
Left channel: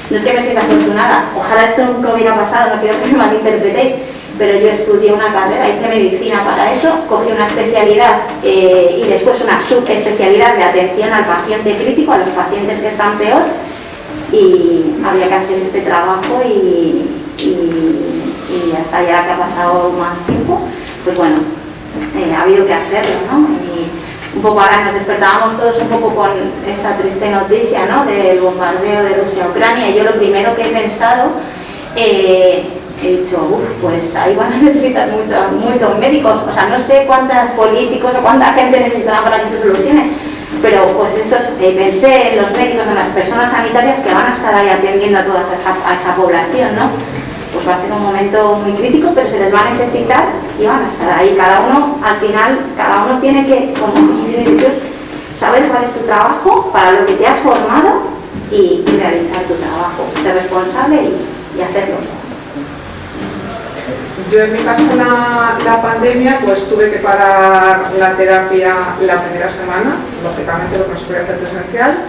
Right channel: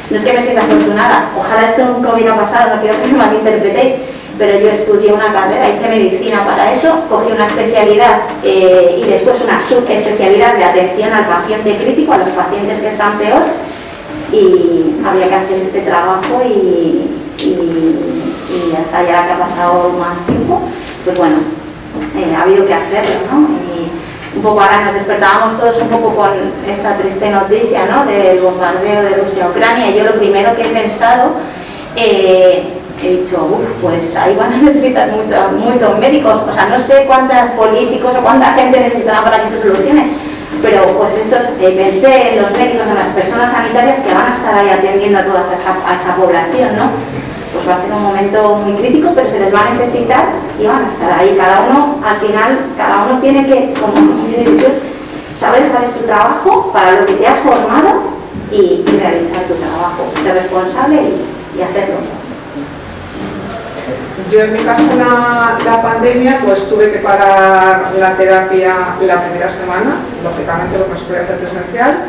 no es que me sienta afortunada, ojalá esto nunca hubiera pasado, no quiero que me malinterpretéis, pero yo estudié una carrera, hice medicina para eso, cogí una especialidad y después una subespecialidad de atención al paciente crítico, a los pacientes que están peor, y había que hacer ese trabajo y hasta ya que ha pasado más tiempo, pues bueno, ha habido que hacerlo, ¿no? Y un poco ahora nos despertábamos todos un poco con esta triste noticia, ¿no?, del bombardeo de Rusia a Ucrania, y yo lo primero que he pensado, he dicho, pues ahí van a necesitar muchos médicos, o sea, no sé cuántos políticos o cuánta gente necesitarán para que se solucione, pero pues pensé en los médicos, en las personas sanitarias que van a estar ahí atendiendo a toda esa población, ¿no? Pues va a ser un momento muy crítico, pero se les va a necesitar y van a estar ahí. Cada uno, al final, cada uno tiene que, como individuos, saber cuál es su trabajo, para lo que te has formado y realizar tu trabajo, ser responsable y hacerlo. Yo en mi caso la pandemia pues tuve que parar la terapia la primera semana, lógicamente porque no se podía hacer presencial.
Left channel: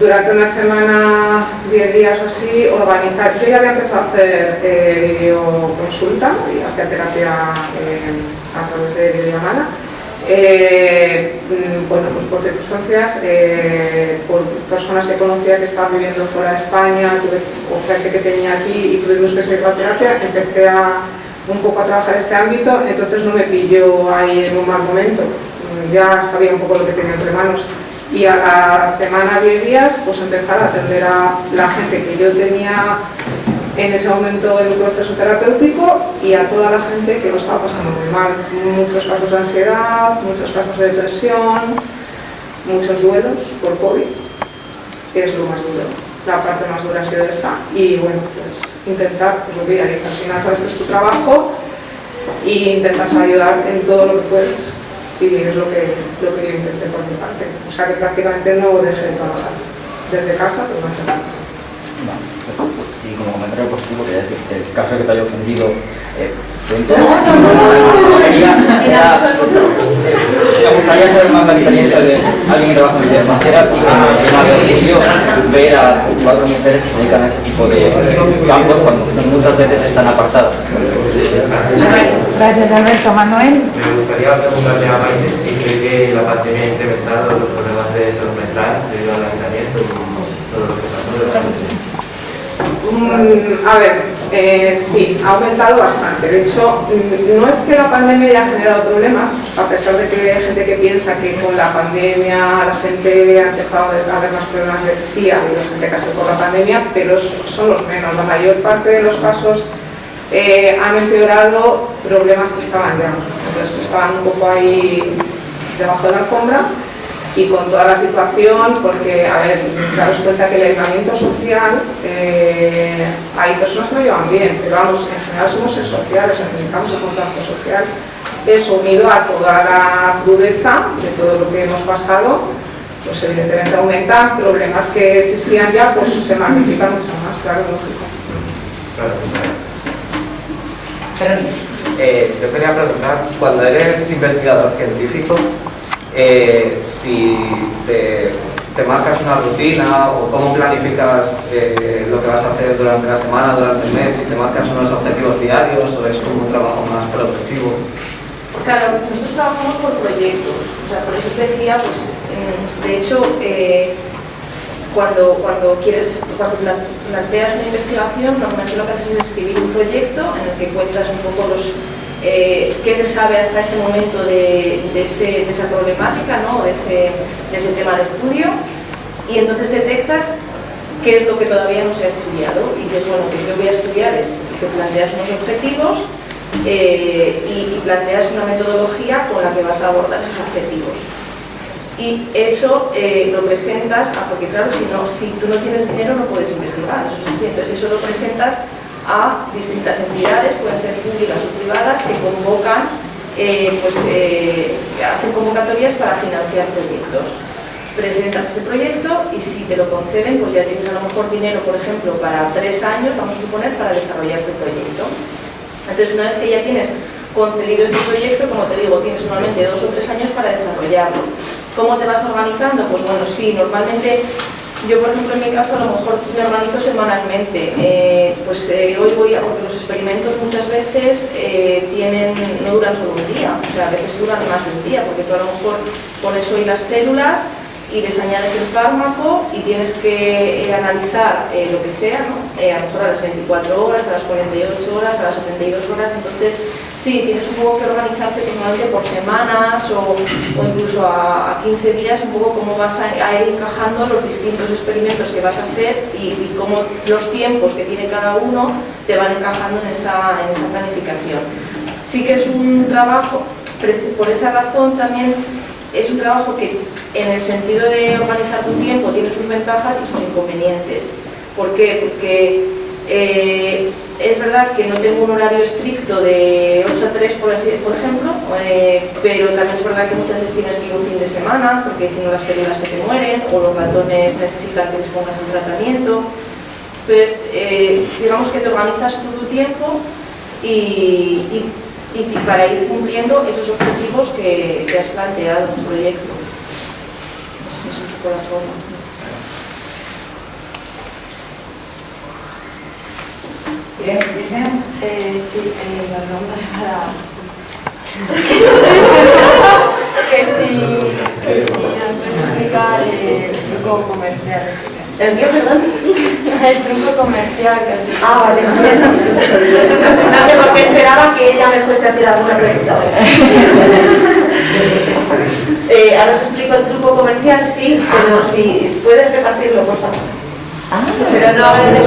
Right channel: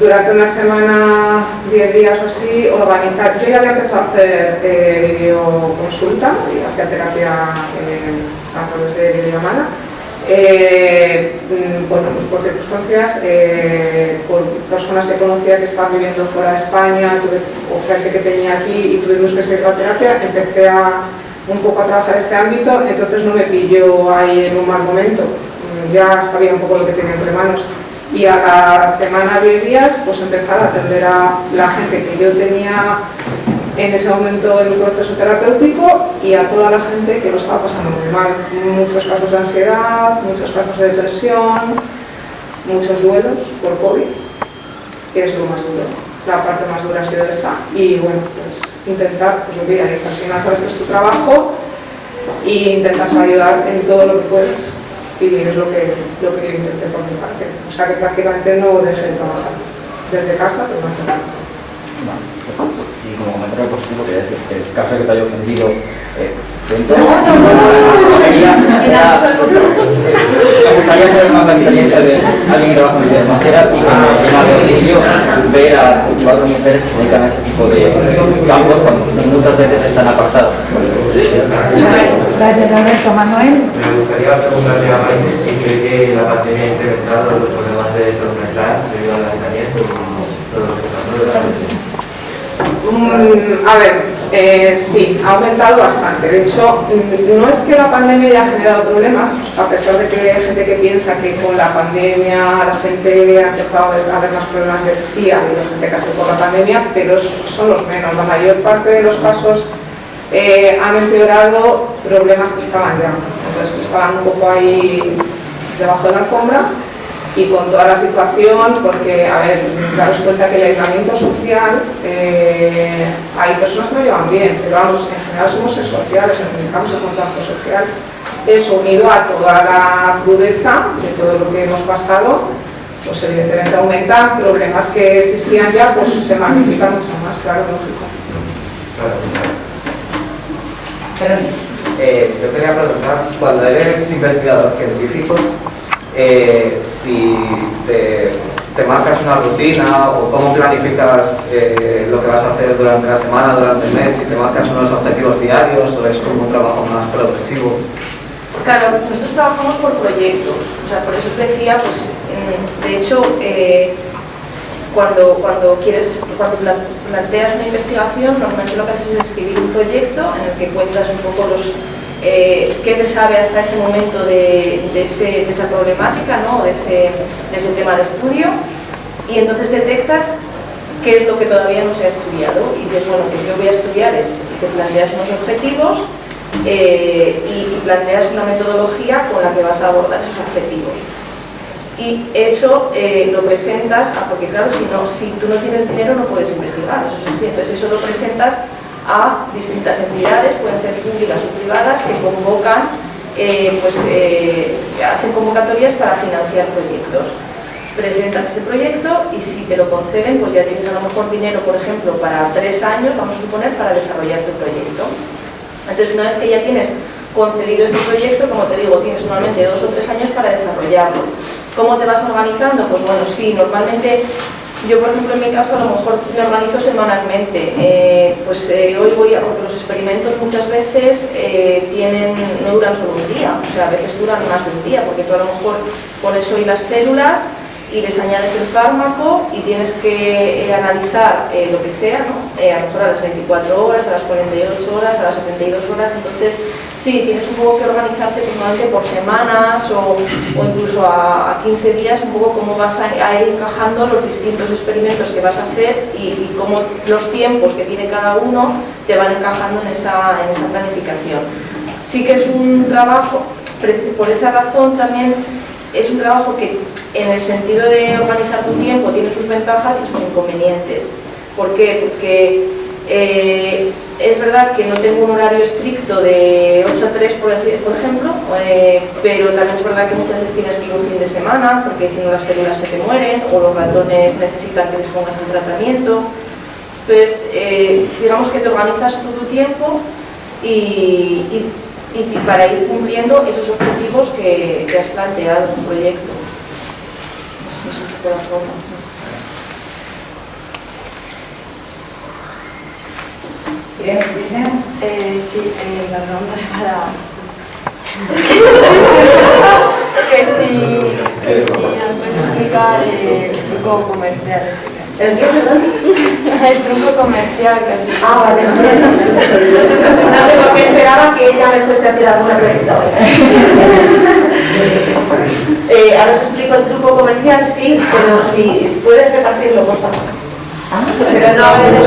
Durante una semana, 10 días o así, organizar. Yo ya había empezado a hacer videoconsulta y hacía terapia a través de videollamada. Bueno, pues por circunstancias, por personas que conocía que estaban viviendo fuera de España, o gente que tenía aquí y tuvimos que seguir la terapia, empecé un poco a trabajar ese ámbito, entonces no me pilló ahí en un mal momento, ya sabía un poco lo que tenía entre manos. Y a la semana, 10 días, pues empezar a atender a la gente que yo tenía en ese momento en un proceso terapéutico y a toda la gente que lo estaba pasando muy mal. Muchos casos de ansiedad, muchos casos de depresión, muchos duelos por COVID, que es lo más duro. La parte más dura ha sido esa y bueno, pues intentar, pues lo que ya dices, al final sabes que es tu trabajo y intentas ayudar en todo lo que puedes. Y es lo que yo intenté por mi parte. O sea que prácticamente no dejé de trabajar desde casa, pero no hace nada. Y como comentario positivo, quería decir que el caso de que te haya ofendido, me gustaría saber más la experiencia de alguien que trabaja en vida financiera y que me llena de orgullo ver a 4 mujeres que se dedican a ese tipo de campos cuando muchas veces están apartados. Gracias, Alberto. Manuel. Me gustaría preguntarle a Maite si cree que la pandemia ha incrementado los problemas de salud mental debido al aislamiento y todo lo que pasó de la pandemia. A ver, sí, ha aumentado bastante. De hecho, no es que la pandemia haya generado problemas, a pesar de que hay gente que piensa que con la pandemia la gente ha empezado a haber más problemas de sí, ha habido gente que ha sido por la pandemia, pero son los menos. La mayor parte de los casos han empeorado problemas que estaban ya. Entonces estaban un poco ahí debajo de la alfombra. Y con toda la situación, porque, a ver, daros cuenta que el aislamiento social, hay personas que lo llevan bien, pero vamos, en general somos seres sociales, necesitamos el contacto social. Eso unido a toda la crudeza de todo lo que hemos pasado, pues evidentemente aumentan problemas que existían ya, pues se magnifican mucho más, claro, lógico. Yo quería preguntar, cuando eres investigador científico, si te marcas una rutina o cómo planificas lo que vas a hacer durante la semana, durante el mes, si te marcas unos objetivos diarios o es como un trabajo más progresivo. Claro, nosotros trabajamos por proyectos, o sea, por eso te decía, pues, de hecho, cuando planteas una investigación, normalmente lo que haces es escribir un proyecto en el que cuentas un poco qué se sabe hasta ese momento de esa problemática, ¿no? de ese tema de estudio, y entonces detectas qué es lo que todavía no se ha estudiado y dices, bueno, pues yo voy a estudiar esto, y te planteas unos objetivos y planteas una metodología con la que vas a abordar esos objetivos. Y eso lo presentas, porque claro, si tú no tienes dinero no puedes investigar, eso es así. Entonces eso lo presentas a distintas entidades, pueden ser públicas o privadas, que convocan, hacen convocatorias para financiar proyectos. Presentas ese proyecto y si te lo conceden, pues ya tienes a lo mejor dinero, por ejemplo, para 3 años, vamos a suponer, para desarrollar tu proyecto. Entonces, una vez que ya tienes concedido ese proyecto, como te digo, tienes normalmente 2 o 3 años para desarrollarlo. ¿Cómo te vas organizando? Pues bueno, sí, normalmente yo, por ejemplo, en mi caso, a lo mejor me organizo semanalmente. Hoy voy a, porque los experimentos muchas veces no duran solo un día, o sea, a veces duran más de un día, porque tú a lo mejor pones hoy las células y les añades el fármaco y tienes que analizar lo que sea, ¿no? A lo mejor a las 24 horas, a las 48 horas, a las 72 horas, entonces sí, tienes un poco que organizarte normalmente por semanas o incluso a 15 días, un poco cómo vas a ir encajando los distintos experimentos que vas a hacer y cómo los tiempos que tiene cada uno te van encajando en esa planificación. Sí que es un trabajo, por esa razón también es un trabajo que en el sentido de organizar tu tiempo tiene sus ventajas y sus inconvenientes. ¿Por qué? Porque es verdad que no tengo un horario estricto de 8 a 3, por ejemplo, pero también es verdad que muchas veces tienes que ir un fin de semana, porque si no las células se te mueren o los ratones necesitan que les pongas el tratamiento. Entonces, digamos que te organizas tú tu tiempo y para ir cumpliendo esos objetivos que has planteado en tu proyecto. Eso es un poco la forma. Bien, dicen. Sí, la pregunta es para... que si nos puedes explicar el truco comercial. ¿El qué, perdón? El truco comercial que has dicho. Vale, no sé por qué esperaba que ella me fuese a hacer alguna pregunta. Ahora os explico el truco comercial, sí, pero si puedes repartirlo, por favor. Pero no hagáis de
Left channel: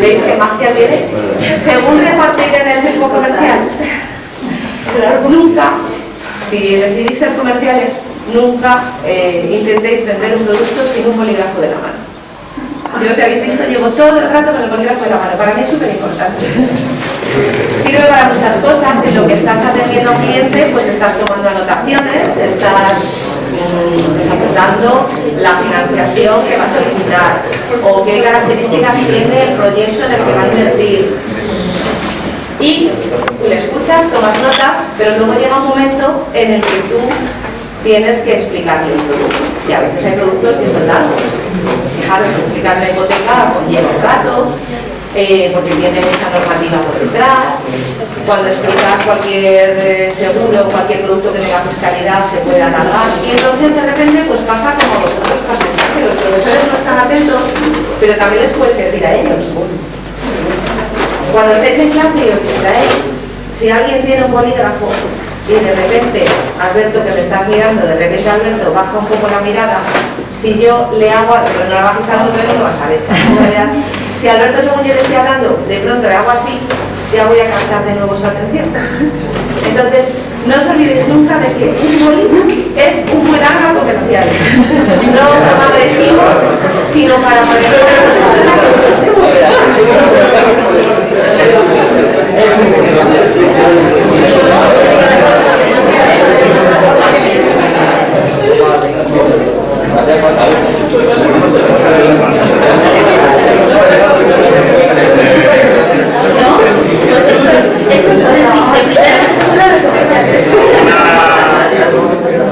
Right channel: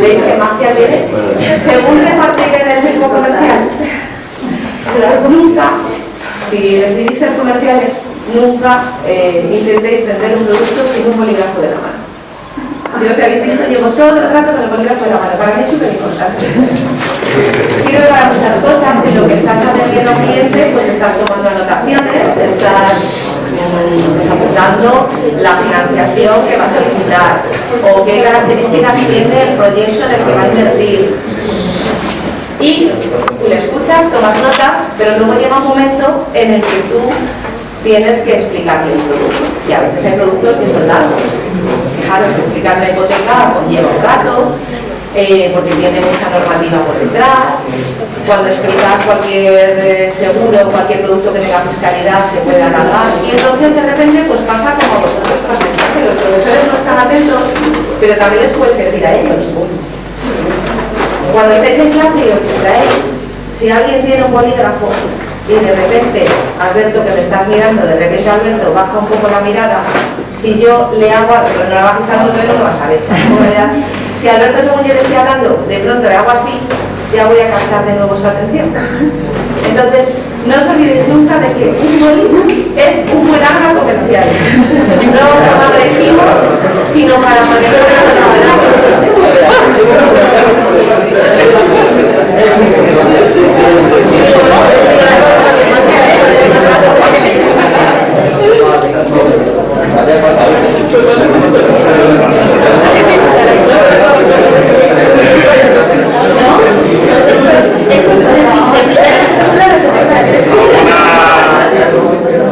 ¿Veis qué magia tiene? Según repartir en el mismo comercial, nunca, si decidís ser comerciales, nunca intentéis vender un producto sin un bolígrafo de la mano. Yo, si habéis visto, llevo todo el rato con el bolígrafo de la mano. Para mí es súper importante. Sirve para muchas cosas. En lo que estás atendiendo a un cliente, pues estás tomando anotaciones, estás apuntando la financiación que va a solicitar o qué características tiene el proyecto en el que va a invertir. Y tú le escuchas, tomas notas, pero luego llega un momento en el que tú tienes que explicarle el producto. Y a veces hay productos que son largos. Fijaros, explicar una hipoteca conlleva un rato, porque tiene mucha normativa por detrás. Cuando explicas cualquier seguro o cualquier producto que tenga fiscalidad se puede alargar. Y entonces de repente pues pasa como vosotros pasáis, que los profesores no están atentos, pero también les puede servir a ellos. Cuando estáis en clase y os distraéis, si alguien tiene un bolígrafo y de repente, Alberto, que me estás mirando, de repente Alberto baja un poco la mirada, si yo le hago, pero no la bajes tanto, no lo vas a ver. Si Alberto, según yo le estoy hablando, de pronto le hago así, ya voy a captar de nuevo su atención. Entonces, no os olvidéis nunca de que un boli es un buen arma comercial. No como agresivo, sino para manejar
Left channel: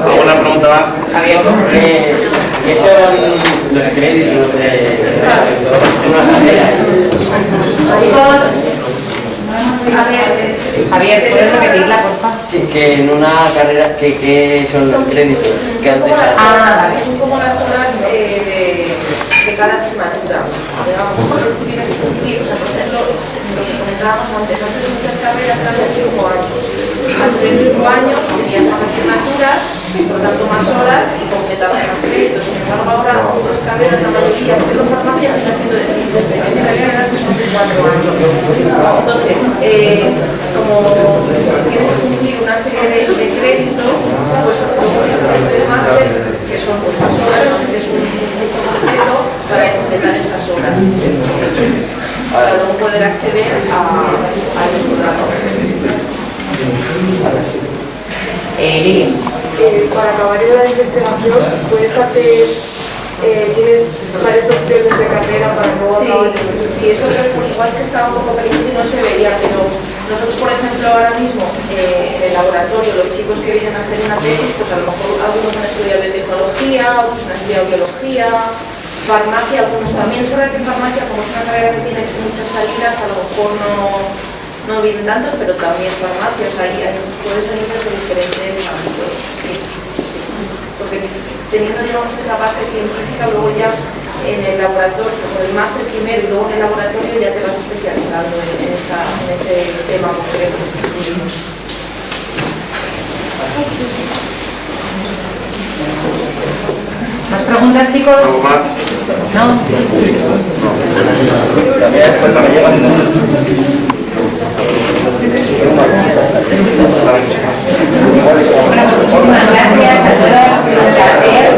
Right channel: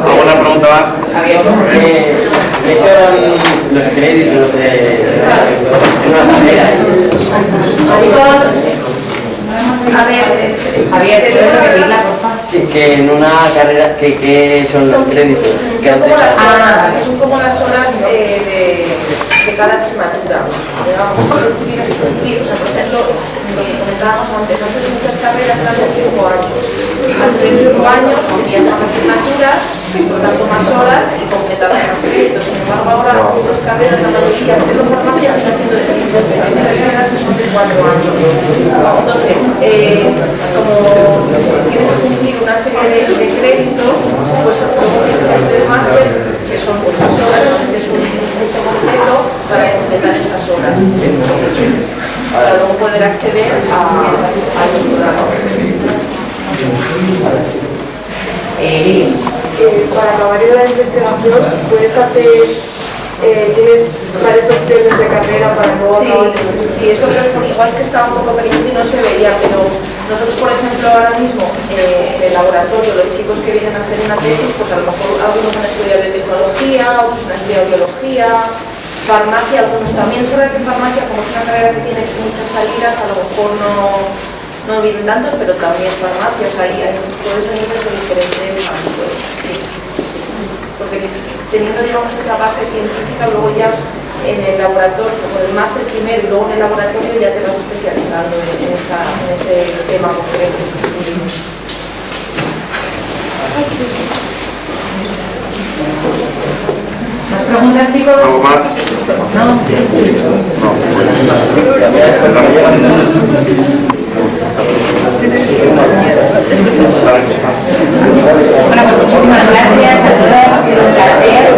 ¿Alguna pregunta más? ¿Qué son los créditos de una carrera? Javier, ¿te puedes repetirla, por favor? Sí, que en una carrera, ¿qué son los créditos? ¿Qué son como las horas de cada asignatura. Digamos, tienes que cumplir, o sea, por ejemplo, lo que comentábamos antes de muchas carreras eran de 5 años. Al ser 5 años tenías más asignaturas, por tanto más horas y completabas más créditos. Sin embargo, ahora otras carreras, la mayoría, pero farmacia sigue siendo de 5 años, hay carreras que son de 4 años. Entonces, como tienes que cumplir una serie de créditos, pues luego tienes que hacer el máster, que son muchas horas, que es un curso completo para completar estas horas, para luego poder acceder al doctorado. Para acabar la investigación, puedes hacer, tienes varias opciones de carrera para luego acabar. Sí, eso igual es que estaba un poco pequeño y no se veía, pero nosotros, por ejemplo, ahora mismo en el laboratorio, los chicos que vienen a hacer una tesis, pues a lo mejor algunos han estudiado biotecnología, otros han estudiado biología, farmacia, algunos también. Es verdad que farmacia, como es una carrera que tiene muchas salidas, a lo mejor no vienen tantos, pero también farmacia, o sea, puedes venir desde diferentes ámbitos. Sí. Porque teniendo, digamos, esa base científica, luego ya en el laboratorio, con el máster primero y luego en el laboratorio ya te vas especializando en ese tema concreto. ¿Más preguntas, chicos? ¿Algo más? No. Bueno, pues muchísimas gracias a todos, un placer.